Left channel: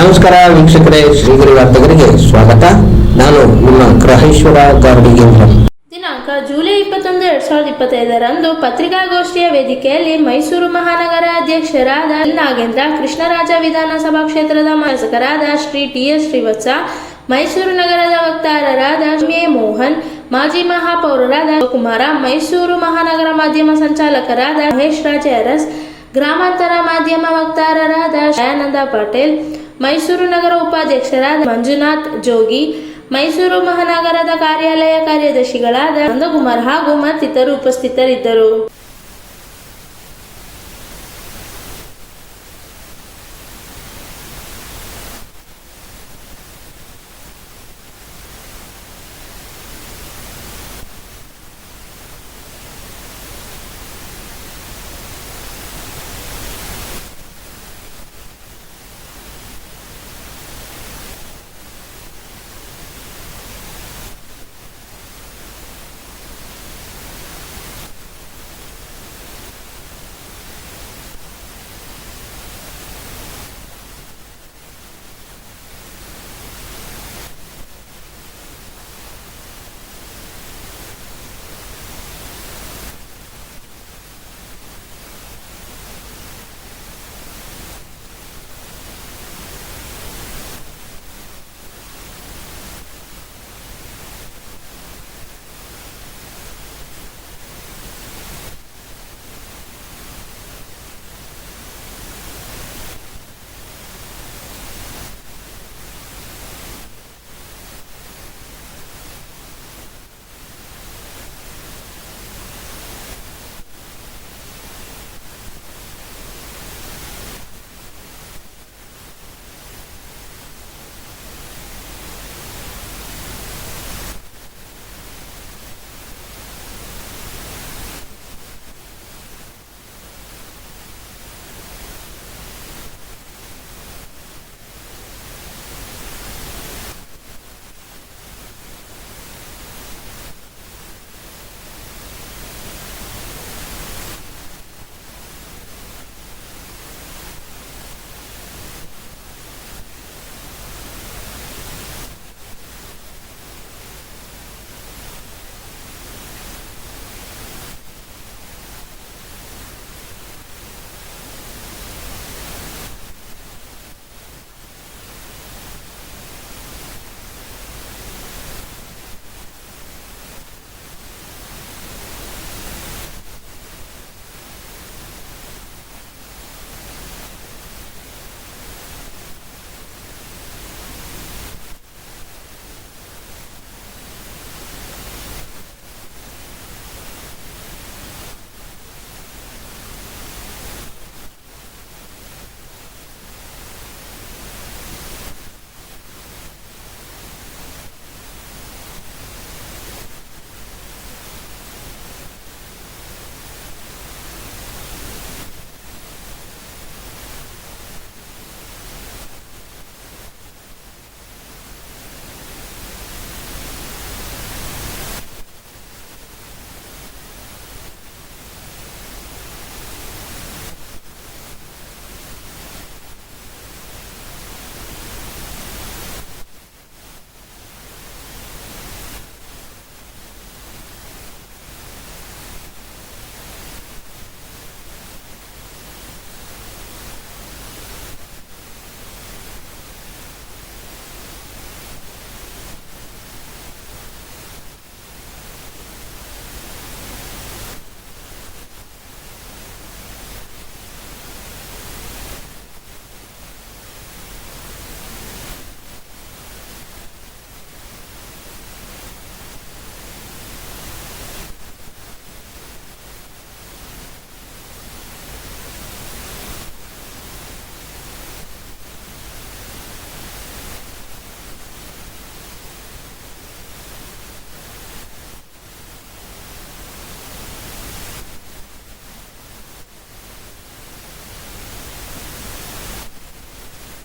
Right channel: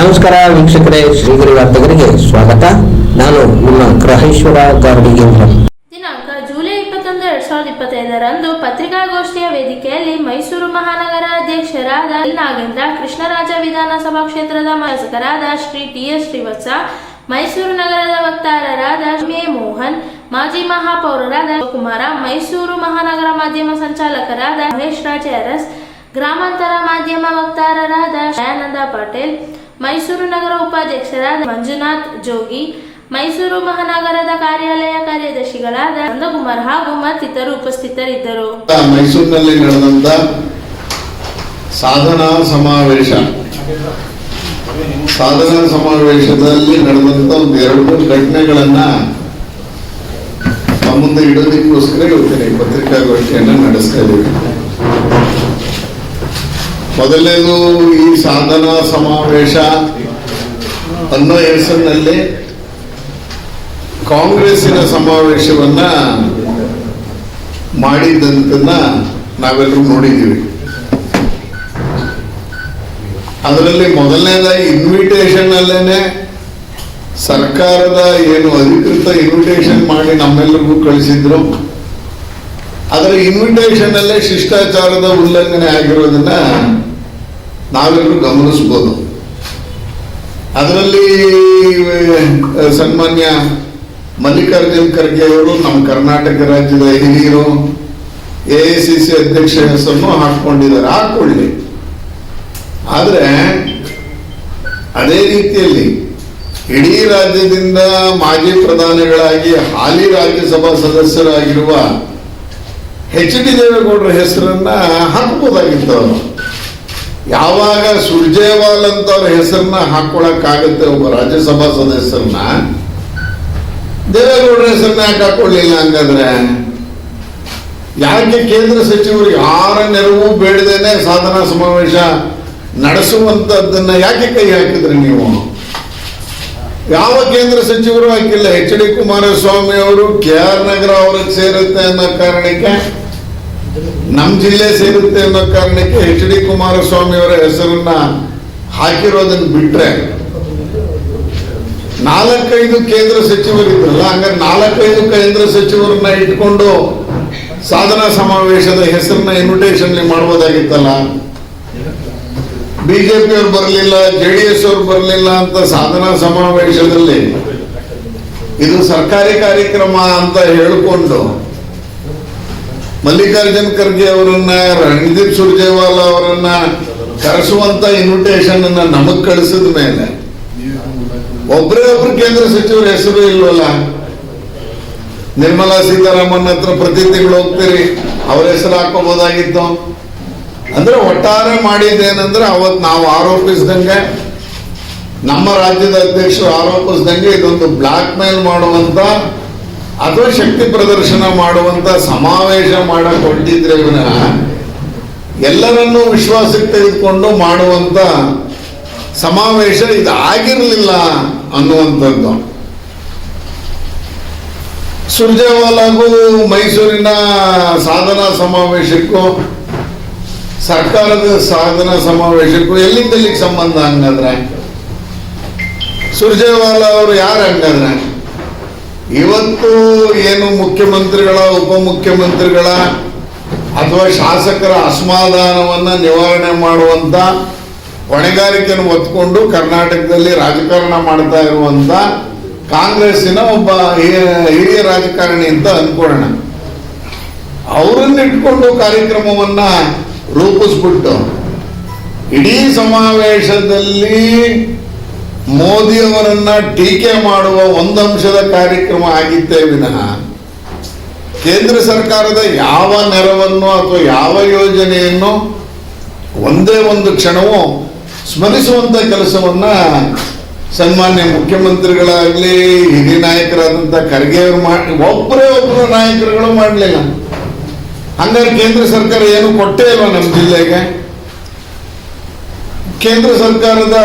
ನಮಸ್ಕಾರ ವೀಕ್ಷಕರೇ, ಶ್ರೀಗಿರಿ ವಾರ್ತೆಗರಿಗೆ ಸ್ವಾಗತ. ನಾನು ನಿಮ್ಮ ಗ್ರಹೇಶ್ವರ ಗಾರ್ಡಿಗೇಂದ್ರ. ದಿನಾಂಕ ಜುಲೈ 21, 2025 ಪತ್ರಿಕಾಗೋಷ್ಠಿಯ ವೇದಿಕೆಯಲ್ಲಿ ಮೈಸೂರು ಮಹಾನಗರ ಅಧ್ಯಕ್ಷರಾದ ನಾಗೇಂದ್ರ, ಕೃಷ್ಣರಾಜ ವಿಧಾನಸಭಾ ಕ್ಷೇತ್ರದ ಶಾಸಕರಾದ ಶ್ರೀ ಟಿ.ಎಸ್. ಶ್ರೀವತ್ಸ, ಮೈಸೂರು ನಗರದ ವಕ್ತಾರರಾದ ಎ. ಮೋಹನ್, ಮಾಜಿ ಮಹಾಪೌರರಾದ ಕುಮಾರ, ಮೈಸೂರು ಮಹಾನಗರ ಮಾಧ್ಯಮ ಸಂಚಾಲಕರಾದ ಮಹೇಶ್ ರಾಜ ಅರಸ್, ಗ್ರಾಮಾಂತರ ಮಾಧ್ಯಮ ವಕ್ತಾರರಾದ ದಯಾನಂದ ಪಾಟೀಲ್, ಮೈಸೂರು ನಗರ ಉಪಾಧ್ಯಕ್ಷರಾದ ಮಂಜುನಾಥ್ ಜೋಗಿ, ಮೈಸೂರು ಮಹಾನಗರದ ಕಾರ್ಯಾಲಯ ಕಾರ್ಯದರ್ಶಿಗಳಾದ ನಂದಕುಮಾರ್ ಹಾಗೂ ಮತ್ತಿತರರು ಉಪಸ್ಥಿತರಿದ್ದರು. ಮೈಸೂರಿನಲ್ಲಿ ನಡೆದಂತ ಸಾಧನಾ ಸಮಾವೇಶದಲ್ಲಿ ನಡೆದಂತ ಒಂದು 2 ಘಟನೆಗಳನ್ನ ಮುಂದೆ ಇಡೋದಕ್ಕೋಸ್ಕರ ಇವತ್ತಿನ ಪತ್ರಿಕಾಗೋಷ್ಠಿಯನ್ನು ನಡೆಸ್ತಾ ಇದ್ದೀವಿ. ಮೊದಲನೇದು, ಈ ಸಾಧನಾ ಸಮಾವೇಶ ಅನ್ನೋ ಹೆಸರಿನಲ್ಲಿ ಕಾಂಗ್ರೆಸ್ಸಿನ ಸಮಾವೇಶವನ್ನ ಮಾಡಿದ್ದಂತನ್ನ ನಾವೆಲ್ಲರೂ ನೋಡಿದ್ದೀವಿ. ಅದರಲ್ಲಿ ಮೊದಲನೇದಾಗಿ ಇನ್ವಿಟೇಷನ್ ಅಲ್ಲೇನೆ ಸರ್ಕಾರದ ಏನು ಅಧಿಕೃತ ಇನ್ವಿಟೇಷನ್ ಮಾಡಿ ನಮ್ಮೆಲ್ಲರಿಗೂ ಕಳಿಸಿದ್ರು. ಅದರ ಇನ್ವಿಟೇಷನ್ ಅಲ್ಲೇ ಶಿಷ್ಟಾಚಾರದ ಉಲ್ಲಂಘನೆ ಆಗಿರೋದನ್ನ ನಾವೆಲ್ಲರೂ ಗಮನಿಸಬಹುದು. ಅದರಲ್ಲಿ ಸನ್ಮಾನ್ಯ ಮಲ್ಲಿಕಾರ್ಜುನ್ ಖರ್ಗೆ ಅವರು ನಮ್ಮ ಕರ್ನಾಟಕ ರಾಜ್ಯದ ಹಿರಿಯರು, AICC ಅಧ್ಯಕ್ಷ ಹೆಸರನ್ನು ಹಾಕೊಂಡಿದ್ದಾರೆ. ಹಾಕೊಳ್ಳಿ. ಆದ್ರೆ ಅದೇ ರೀತಿಯಲ್ಲಿ ಇಡೀ ರಾಜ್ಯದಿಂದ ಮಾಜಿ ಪ್ರಧಾನಿಗಳಾಗಿ ಹಾಲಿ ರಾಜ್ಯಸಭಾ ಸದಸ್ಯರಾಗಿರುವ HD ದೇವೇಗೌಡರ ಹೆಸರನ್ನ ಹಾಕಬಹುದಾಗಿತ್ತು. ಯಾವಾಗ ಸುರ್ಜೇವಾಲ್ ಅಂತ ಅವ್ರ ಹೆಸರನ್ನ ಹಾಕೊಳಕ್ಕಾಗತ್ತೆ ಒಬ್ಬ ರಾಜ್ಯಸಭಾ ಸದಸ್ಯರನ್ನ, ದೇವೇಗೌಡರ ಹೆಸರನ್ನ ಯಾಕೆ ಹಾಕೊಳ್ಳಿಲ್ಲ? ಹಂಗಾದ್ರೆ ಯಾಕೆ ಕೇಂದ್ರ ಸಚಿವರು ಯಾರ ನೆರವು ಬೇಡದೇನೆ ಸಾಧನಾ ಸಮಾವೇಶ ನಡೆಸುವಂತದ್ದನ್ನ ಯಾಕೆ ಕೈ ಹಾಕಿದ್ರಿ ನೀವು? ಯಾವ ಕೇಂದ್ರ ಸಚಿವರು ಹಾಕಿಲ್ಲ. HD ಕುಮಾರಸ್ವಾಮಿ ಅವರು KR ನಗರ ಅವ್ರಿಗೆ ಸೇರುತ್ತೆ ಅನ್ನೋ ಕಾರಣಕ್ಕೆ, ನಮ್ಮ ಜಿಲ್ಲೆ ಸೇರುತ್ತೆ ಅನ್ನೋ ಕಾರಣಕ್ಕೆ HD ಕುಮಾರಸ್ವಾಮಿ ಅವರ ಹೆಸರನ್ನ ಹಾಕಿರೋದನ್ನ ಬಿಟ್ರೆ 4-5 ಕೇಂದ್ರ ಸಚಿವರಿದ್ರಲ್ಲ, ಹಂಗಾರೆ 4-5 ಕೇಂದ್ರ ಸಚಿವರನ್ನ ಇಟ್ಕೊಂಡು ಸಾಧನಾ ಸಮಾವೇಶದ ಹೆಸರನ್ನ ಇನ್ವಿಟೇಷನ್ ಮಾಡಬಹುದಾಗಿತ್ತಲ್ಲ. BJP ಅವ್ರು ಬರಲಿಲ್ಲ, JDS ಅವ್ರು ಬರಲಿಲ್ಲ ಅಂತ ಸಾಧನಾ ಸಮಾವೇಶದಲ್ಲಿ ಇದು ಸರ್ಕಾರಿ ಕಾರ್ಯಕ್ರಮ ಅಂತ ಹೇಳಿಕೊಂಡು ಮಲ್ಲಿಕಾರ್ಜುನ್ ಖರ್ಗೆ ಅವರನ್ನ, ರಣದೀಪ್ ಸುರ್ಜೇವಾಲಾ ಅವರನ್ನ ಕರೆಸುವಂತ ಇನ್ವಿಟೇಷನ್ ಅನ್ನ ನಮಗ್ ಕಳಿಸಿದ ಮೇಲೆ ಒಬ್ಬರೇ ಒಬ್ರು ಕೇಂದ್ರ ಸಚಿವರ ಹೆಸರು ಇಲ್ವಲ್ಲ. ನಿರ್ಮಲಾ ಸೀತಾರಾಮನ್ ಹತ್ರ ಪ್ರತಿ ತಿಂಗಳು ಹೋಗ್ತೀರಿ, ಅವ್ರ ಹೆಸರು ಹಾಕೋಬಹುದಾಗಿತ್ತು. ಅಂದ್ರೆ ಒಟ್ಟಾರೆ ಮಾಡಿದ್ದೇನೆಂದ್ರೆ ಅವತ್ತು ನಾವು ಆರೋಪಿಸಿದಂಗೆ, ನಮ್ಮ ರಾಜ್ಯದ ಅಧ್ಯಕ್ಷರು ಆರೋಪಿಸಿದಂಗೆ ಇದೊಂದು ಬ್ಲಾಕ್ ಮೇಲ್ ಮಾಡುವಂತ ಅಥವಾ ಶಕ್ತಿ ಪ್ರದರ್ಶನ ಮಾಡುವಂತ ಸಮಾವೇಶ ಮಾಡಕ್ ಹೊರಟಿದ್ರೆ ವಿನಃ ಎಲ್ಲರನ್ನೂ ವಿಶ್ವಾಸಕ್ಕೆ ತೆಗೆದುಕೊಂಡು ಮಾಡುವಂತ ಸಮಾವೇಶ ಇದು ಆಗಿರಲಿಲ್ಲ ಅನ್ನುವಂಥದ್ದು. ಸುರ್ಜೇವಾಲಾಗೂ ಮೈಸೂರಿನ ಸಾಧನಾ ಸಮಾವೇಶಕ್ಕೂ ಸರ್ಕಾರದ ಸಾಧನಾ ಸಮಾವೇಶಕ್ಕೂ ಎಲ್ಲಿಂದೆಲ್ಲಿಗೆ ಸಂಬಂಧ? ಹಂಗಾದ್ರೆ ಸುರ್ಜೇವಾಲಾ ಅವರು ಯಾರು? ಹಂಗಾದ್ರೆ ಇವತ್ತು ಏನು ಮುಖ್ಯಮಂತ್ರಿಗಳ, ಉಪಮುಖ್ಯಮಂತ್ರಿಗಳ ಅಥವಾ ಶಾಸಕರ ಅಸಮಾಧಾನವನ್ನ ನಿವಾರಣೆ ಮಾಡುವಂತ ಹೊಣೆಗಾರಿಕೆಯನ್ನು ಹೊತ್ಕೊಂಡು ಕರ್ನಾಟಕದಲ್ಲಿ ರಾಜಕಾರಣ ಮಾಡ್ತಾ ಇರುವಂತ ಕಾಂಗ್ರೆಸ್ಸಿನ ಒಬ್ಬ ಹಿರಿಯ ರಾಜಕಾರಣಿ ಅಂತ ಅನ್ಕೊಳ್ಳೋಣ. ಅವರನ್ನ ಇಟ್ಕೊಂಡು ಕಾರ್ಯಕ್ರಮವನ್ನ ರೂಪಿಸ್ಬಿಟ್ಟು ಇಡೀ ಸಮಾವೇಶದಲ್ಲಿ ಮೋದಿಯವರನ್ನ ಟೀಕೆ ಮಾಡುವ ಒಂದಂಶದ ಕಾರ್ಯಕ್ರಮ ಆಗಿತ್ತೇ ವಿನಃ ಕೇಂದ್ರ ಸರ್ಕಾರದ ಯಾವ ನೆರವನ್ನು ಅಥವಾ ಯಾವ ಯೋಜನೆಯನ್ನು ಒಂದೇ ಒಂದು ಕ್ಷಣವೂ ಸ್ಮರಿಸುವಂತ ಕೆಲಸವನ್ನ ಸನ್ಮಾನ್ಯ ಮುಖ್ಯಮಂತ್ರಿಗಳಾಗ್ಲಿ, ಹಿರಿಯ ನಾಯಕರಾದಂತ ಖರ್ಗೆ ಅವರು ಒಬ್ಬರೇ ಒಬ್ಬರು ನಾಯಕರುಗಳು ಮಾಡಲಿಲ್ಲ. ಹಂಗಾರೆ ಕೇಂದ್ರ ಸರ್ಕಾರ ಏನು ಕೊಟ್ಟೇ ಇಲ್ವಾ ನಮ್ಮ ಜಿಲ್ಲೆಗೆ? ಕೇಂದ್ರ ಸರ್ಕಾರದ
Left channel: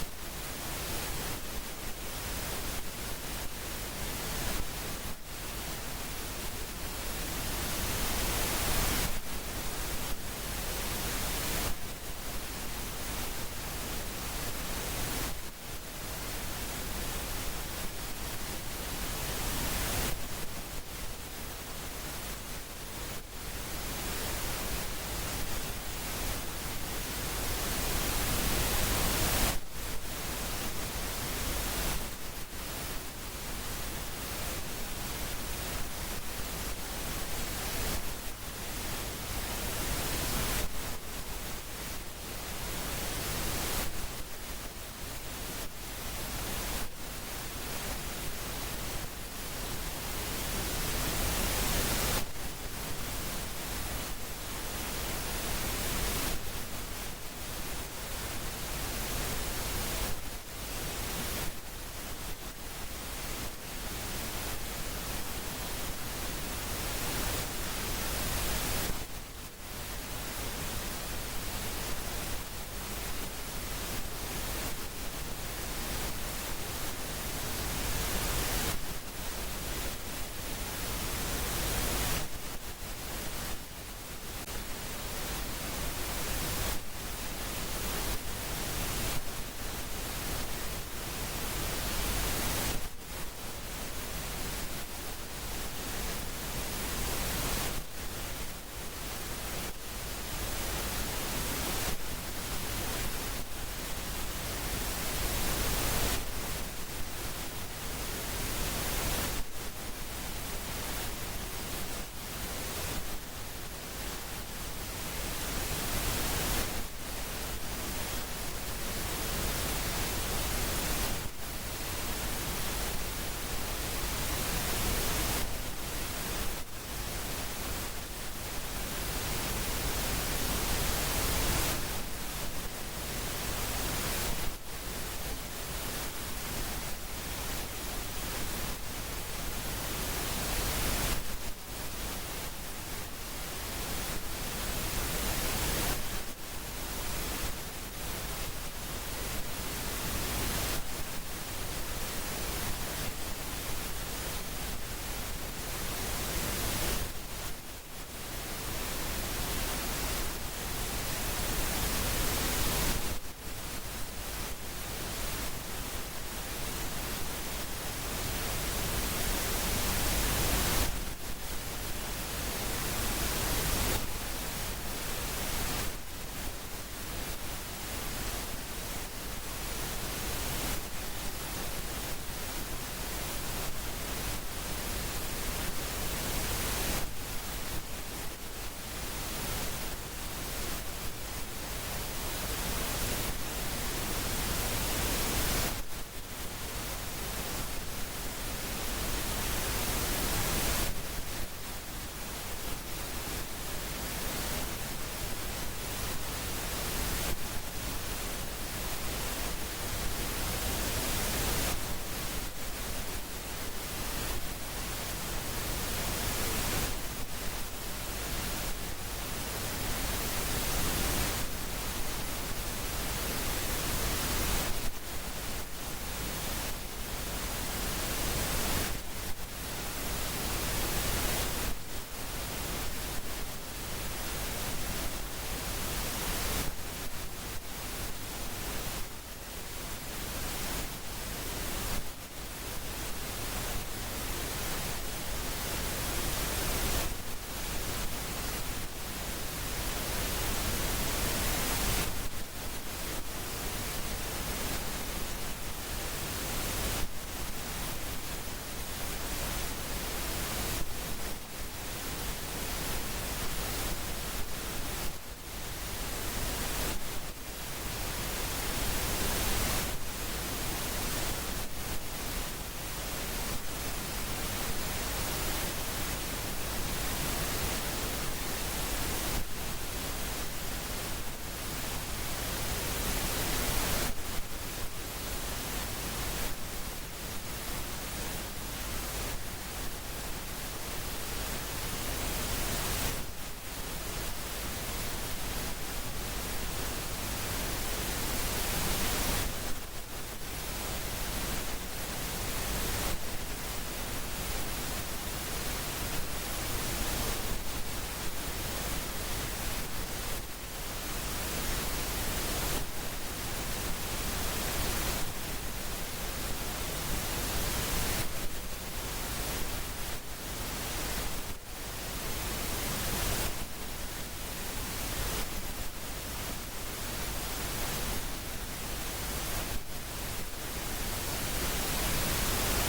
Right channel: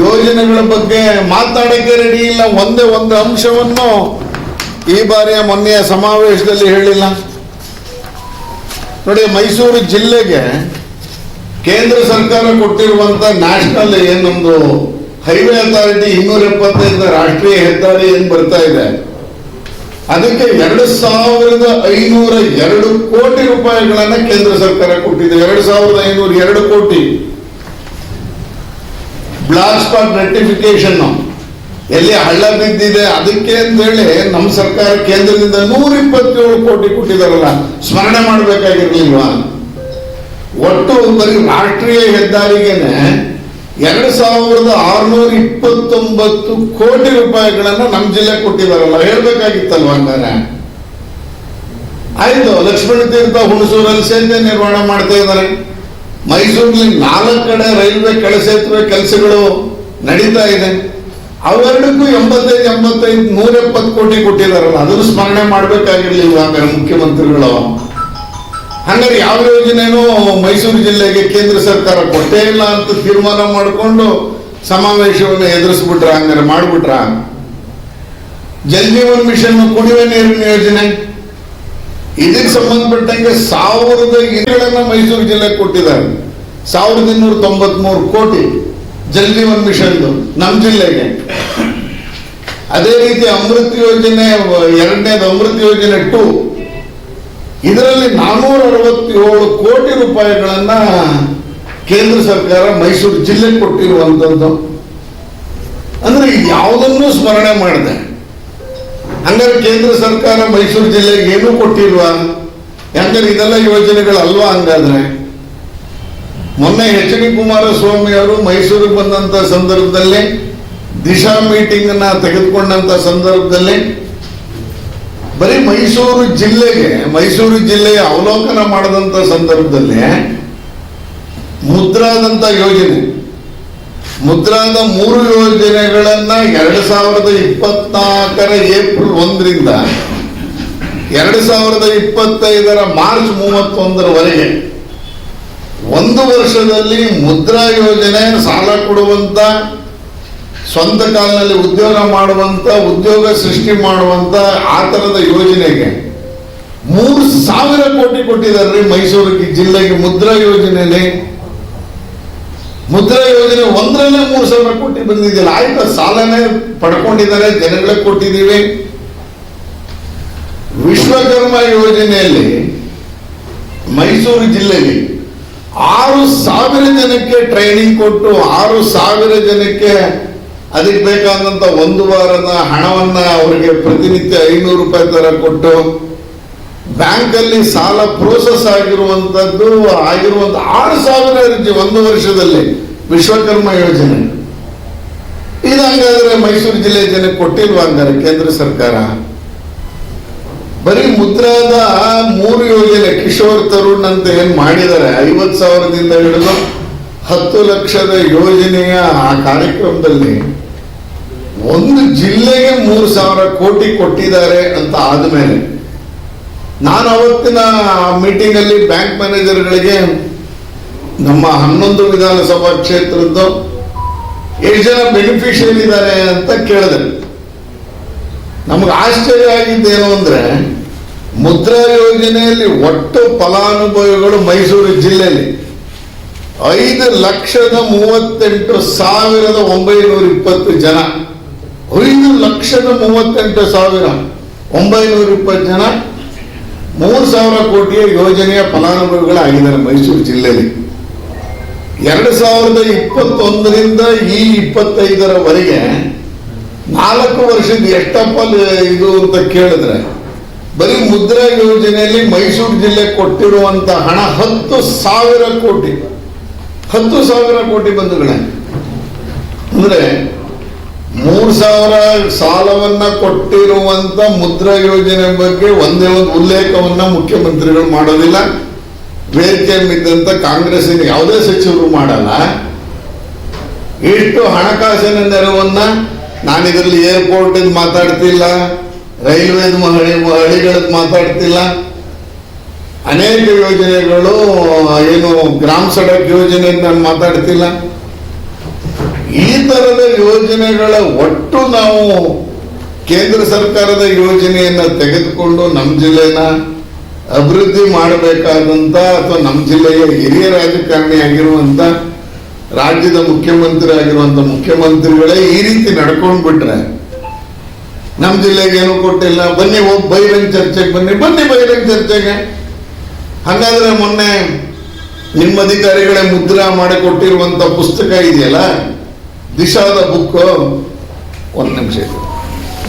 ಯೋಜನೆಗಳ ಬಗ್ಗೆ ಮಾತಾಡಕ್ಕೆ ರೆಡಿ ಇಲ್ಲ. ಒಂದೇ ಒಂದು ಅಂಶವನ್ನು ಈ ಬಾರಿಯ ಮೊನ್ನೆಯ ಸಮಾವೇಶದಲ್ಲಿ ಹೇಳಿಲ್ಲ. ನೋಡಿ, ಮೈಸೂರು ಜಿಲ್ಲೆಗೆ ಕೇಂದ್ರ ಸರ್ಕಾರ ಕೊಟ್ಟಿರುವಂತ ನ್ಯಾಷನಲ್ ಏನೊಂದು ಹೈವೇ ಅಥಾರಿಟಿ 275 ರಾಷ್ಟ್ರೀಯ ಹೆದ್ದಾರಿ ಏನ್ ಬರ್ತಾ ಇದೆ, ಅದಕ್ಕೆ 2502 ಕೋಟಿ ರೂಪಾಯಿಗಳನ್ನ ಕೇಂದ್ರ ಸರ್ಕಾರ ಕೊಟ್ಟಿದೆ. 2502 ಕೋಟಿ. ಬ್ಲಾಕ್ ಸ್ಪಾಟ್ ರೆಕ್ಟಿಫಿಕೇಶನ್ ಎಲ್ಲಿ ಹಳ್ಳ ಬಿದ್ದಿದೆ ಅದಕ್ಕೆ ಅಂತೇಳಿ ನಮ್ಮ ಸರ್ಕಾರ ಕೇಂದ್ರದಿಂದ 127 ಕೋಟಿ ಕೊಟ್ಟಿದಾರಲ್ಲ, ಸ್ಮರಣೆ ಮಾಡಬೇಕಾಗಿರ್ಲಿಲ್ವಾ? ಒಟ್ಟು ಬರೀ ರಾಷ್ಟ್ರೀಯ ಹೆದ್ದಾರಿಗೆನೆ 2629 ಕೋಟಿ ರೂಪಾಯಿಗಳನ್ನ ನಮ್ಮ ಜಿಲ್ಲೆ ಕೊಟ್ಟಿದಾರಲ್ಲ, ಹೇಳ್ಬೇಕಾಗಿತ್ತಲ್ವ? ಹಂಗಾರೆ ಆಯ್ತು. ಲಕ್ಷ್ಮಣ ತೀರ್ಥ ಹುಣಸೂರಲ್ಲಿ ಸೇತುವೆ ನಿರ್ಮಾಣ ಮಾಡ್ತಾ ಇದ್ದಾರೆ. ಮೈಸೂರಿನಲ್ಲಿ 4 ಕಡೆ ರೈಲ್ವೆ ಕೆಳಸೇತುವೆ ಕೆಲಸಗಳು ನಡೀತಾ ಇದೆ. ಅವೆರಡಕ್ಕೂ 170 ಕೋಟಿ ಕೊಟ್ಟಿದಾರಲ್ಲ, ಅದನ್ನು ಸ್ಮರಣೆ ಮಾಡ್ಬೇಕಾಗಿರ್ಲಿಲ್ವ ಹಂಗಾರೆ ಮುಖ್ಯಮಂತ್ರಿಗಳು? ಹಂಗಾರೆ ಯಾವ ಯೋಜನೆನೂ ಮೈಸೂರು ಜಿಲ್ಲೆಗೆ ಕೇಂದ್ರ ಸರ್ಕಾರ ಕೊಟ್ಟೇ ಇಲ್ಲ ಅಂತ ತೀರ್ಮಾನ ಮಾಡಿಕೊಂಡು ಸಮಾವೇಶವನ್ನು ಎದುರಿಸ್ಬಿಟ್ರ, ಹಂಗಾರೆ ಮಾಡ್ಬಿಟ್ರ? ಜಲ್ ಜೀವನ್ ಮಿಷನ್ ಕುಡಿಯುವ ನೀರಿನ ಯೋಜನೆ, ಇದಕ್ಕೆ ಸಂಬಂಧಪಟ್ಟಂಗೆ 1000 ಇಲಿಗಳನ್ನ ಮೈಸೂರು ಜಿಲ್ಲೆಗೆ ಕೊಟ್ಟಿದ್ದಾರೆ. 1293 ಕೋಟಿ ಜಲ್ ಜೀವನ್ ಮಿಷನ್ ನಮ್ಮ ಜಿಲ್ಲೆಗೆ. ಅದೇ ರೀತಿ ಅಮೃತ್ ಯೋಜನೆ, ಎರಡನೇದು ಅಮೃತ್ ಯೋಜನೆ 2, ಇದರಲ್ಲಿ 467 ಕೋಟಿ ರೂಪಾಯಿಗಳನ್ನ ಕೇಂದ್ರ ಸರ್ಕಾರ ಮೈಸೂರು ಜಿಲ್ಲೆಗೆ ಕೊಟ್ಟಿರುವಂತದ್ದು. ಅಂದ್ರೆ ಯಾವುದನ್ನು ಸ್ಮರಣೆ ಮಾಡಿದೆ. ಹಂಗಾರೆ ಕೇಂದ್ರ ಸರ್ಕಾರ ಮೈಸೂರು ಜಿಲ್ಲೆಗೆ ಏನೂ ಕೊಟ್ಟಿಲ್ವಾ? ಯಾಕಂದ್ರೆ ಇದೆಲ್ಲ ಯೋಜನೆಗಳಲ್ವಾ? ಹಂಗಾದ್ರೆ ಮೊನ್ನೆ ಎಚ್.ಡಿ. ಕುಮಾರಸ್ವಾಮಿ ಅವರು ಮೈಸೂರಿಗೆ ಬಂದಂತ ಸಂದರ್ಭದಲ್ಲಿ, ದಿಶಾ ಮೀಟಿಂಗ್ ಅನ್ನ ತೆಗೆದುಕೊಂಡಂತ ಸಂದರ್ಭದಲ್ಲಿ ಬರೀ ಮೈಸೂರು ಜಿಲ್ಲೆಯ ಅವಲೋಕನ ಮಾಡದಂತ ಸಂದರ್ಭದಲ್ಲಿ ಮುದ್ರಾದಂತ ಯೋಜನೆ, ಮುದ್ರಾದ 3 ಯೋಜನೆಗಳನ್ನ 2024 ಏಪ್ರಿಲ್ 1ರಿಂದ 2025 ಮಾರ್ಚ್ 31ರವರೆಗೆ 1 ವರ್ಷದಲ್ಲಿ ಮುದ್ರಾ ಯೋಜನೆ, ಸಾಲ ಕೊಡುವಂತ, ಸ್ವಂತ ಕಾಲಿನಲ್ಲಿ ಉದ್ಯೋಗ ಮಾಡುವಂತ, ಉದ್ಯೋಗ ಸೃಷ್ಟಿ ಮಾಡುವಂತ ಆ ತರದ ಯೋಜನೆಗೆ 3000 ಕೋಟಿ ಕೊಟ್ಟಿದ್ದಾರೆ ಮೈಸೂರು ಜಿಲ್ಲೆಗೆ. ಮುದ್ರಾ ಯೋಜನೆಯಲ್ಲಿ, ಮುದ್ರಾ ಯೋಜನೆ 1ರಲ್ಲೇ 3000 ಕೋಟಿ ಬಂದಿದ್ದಿಲ್ಲ. ಆಯ್ತು, ಸಾಲನೇ ಪಡ್ಕೊಂಡಿದ್ದಾರೆ, ಜನಗಳಿಗೆ ಕೊಟ್ಟಿದ್ದೀವಿ. ವಿಶ್ವಕರ್ಮ ಯೋಜನೆಯಲ್ಲಿ ಮೈಸೂರು ಜಿಲ್ಲೆಯಲ್ಲಿ 6000 ಜನಕ್ಕೆ ಟ್ರೈನಿಂಗ್ ಕೊಟ್ಟು 6000 ಜನಕ್ಕೆ ಅದಕ್ಕೆ ಬೇಕಾದಂತ 1 ವಾರದ ಹಣವನ್ನ ಅವರಿಗೆ ಪ್ರತಿನಿತ್ಯ 500 ರೂಪಾಯಿ ತರ ಕೊಟ್ಟು ಬ್ಯಾಂಕಲ್ಲಿ ಸಾಲ ಪ್ರೋಸೆಸ್ ಆಗಿರುವಂತದ್ದು 6000 ಅರ್ಜಿ 1 ವರ್ಷದಲ್ಲಿ ವಿಶ್ವಕರ್ಮ ಯೋಜನೆ. ಇದು ಹಂಗಾದ್ರೆ ಮೈಸೂರು ಜಿಲ್ಲೆ ಜನಕ್ಕೆ ಕೊಟ್ಟಿಲ್ವಾ ಹಂಗಾರೆ ಕೇಂದ್ರ ಸರ್ಕಾರ? ಬರೀ ಮುದ್ರಾದ 3 ಯೋಜನೆ, ಕಿಶೋರ್ ತರುಣ್ ಅಂತ ಏನ್ ಮಾಡಿದ್ದಾರೆ, 50,000ದಿಂದ ಹಿಡಿದು 10 ಲಕ್ಷದ ಯೋಜನೆಯ ಆ ಕಾರ್ಯಕ್ರಮದಲ್ಲಿ ಒಂದು ಜಿಲ್ಲೆಗೆ 3000 ಕೋಟಿ ಕೊಟ್ಟಿದ್ದಾರೆ ಅಂತ ಆದ್ಮೇಲೆ, ನಾನು ಅವತ್ತಿನ ಮೀಟಿಂಗ್ ಅಲ್ಲಿ ಬ್ಯಾಂಕ್ ಮ್ಯಾನೇಜರ್ಗಳಿಗೆ ನಮ್ಮ 11 ವಿಧಾನಸಭಾ ಕ್ಷೇತ್ರದ್ದು ಎಷ್ಟು ಜನ ಬೆನಿಫಿಷಿಯರಿ ಇದ್ದಾರೆ ಅಂತ ಕೇಳಿದೆ. ನಮ್ಗೆ ಆಶ್ಚರ್ಯ ಆಗಿದ್ದೇನು ಅಂದ್ರೆ, ಮುದ್ರಾ ಯೋಜನೆಯಲ್ಲಿ ಒಟ್ಟು ಫಲಾನುಭವಿಗಳು ಮೈಸೂರು ಜಿಲ್ಲೆಯಲ್ಲಿ 5,38,920 ಜನ. 5,38,920 ಜನ 3000 ಕೋಟಿಯ ಯೋಜನೆಯ ಫಲಾನುಭವಿಗಳಾಗಿದ್ದಾರೆ ಮೈಸೂರು ಜಿಲ್ಲೆಯಲ್ಲಿ. 2021ರಿಂದ ಈ 25ರವರೆಗೆ 4 ವರ್ಷದ ಎಷ್ಟಪ್ಪ ಇದು ಅಂತ ಕೇಳಿದ್ರೆ, ಬರೀ ಮುದ್ರಾ ಯೋಜನೆಯಲ್ಲಿ ಮೈಸೂರು ಜಿಲ್ಲೆ ಕೊಟ್ಟಿರುವಂತ ಹಣ 10,000 ಕೋಟಿ. 10,000 ಕೋಟಿ ಬಂಧುಗಳೇ. ಅಂದ್ರೆ 3,000 ಸಾಲವನ್ನ ಕೊಟ್ಟಿರುವಂತ ಮುದ್ರಾ ಯೋಜನೆ ಬಗ್ಗೆ ಒಂದೇ ಒಂದು ಉಲ್ಲೇಖವನ್ನ ಮುಖ್ಯಮಂತ್ರಿಗಳು ಮಾಡೋದಿಲ್ಲ. ವೇದಿಕೆ ಇದ್ದಂತ ಕಾಂಗ್ರೆಸ್ಸಿನ ಯಾವುದೇ ಸಚಿವರು ಮಾಡಲ್ಲ. ಎಷ್ಟು ಹಣಕಾಸಿನ ನೆರವನ್ನ, ನಾನು ಇದರಲ್ಲಿ ಏರ್ಪೋರ್ಟ್ ಮಾತಾಡ್ತಿಲ್ಲ, ರೈಲ್ವೇದ ಹಳಿಗಳದ್ದು ಮಾತಾಡ್ತಿಲ್ಲ, ಅನೇಕ ಯೋಜನೆಗಳು, ಏನು ಗ್ರಾಮ ಸಡಕ್ ಯೋಜನೆ ನಾನು ಮಾತಾಡ್ತಿಲ್ಲ. ಈ ತರದ ಯೋಜನೆಗಳ ಒಟ್ಟು ನಾವು ಕೇಂದ್ರ ಸರ್ಕಾರದ ಯೋಜನೆಯನ್ನ ತೆಗೆದುಕೊಂಡು ನಮ್ಮ ಜಿಲ್ಲೆನ ಅಭಿವೃದ್ಧಿ ಮಾಡಬೇಕಾದಂತ, ಅಥವಾ ನಮ್ಮ ಜಿಲ್ಲೆಯ ಹಿರಿಯ ರಾಜಕಾರಣಿ ಆಗಿರುವಂತ ರಾಜ್ಯದ ಮುಖ್ಯಮಂತ್ರಿ ಆಗಿರುವಂತ ಮುಖ್ಯಮಂತ್ರಿಗಳೇ ಈ ರೀತಿ ನಡ್ಕೊಂಡ್ ಬಿಟ್ರೆ ನಮ್ಮ ಜಿಲ್ಲೆಗೆ ಏನು ಕೊಟ್ಟಿಲ್ಲ, ಬನ್ನಿ ಹೋಗಿ ಬಹಿರಂಗ ಚರ್ಚೆಗೆ ಬನ್ನಿ ಬಹಿರಂಗ ಚರ್ಚೆಗೆ. ಹಾಗಾದ್ರೆ ಮೊನ್ನೆ ನಿಮ್ಮ ಅಧಿಕಾರಿಗಳೇ ಮುದ್ರಾ ಮಾಡಿಕೊಟ್ಟಿರುವಂತ ಪುಸ್ತಕ ಇದೆಯಲ್ಲ, ದಿಶಾದ ಬುಕ್, ಒಂದು ನಿಮಿಷ ಇದೆ,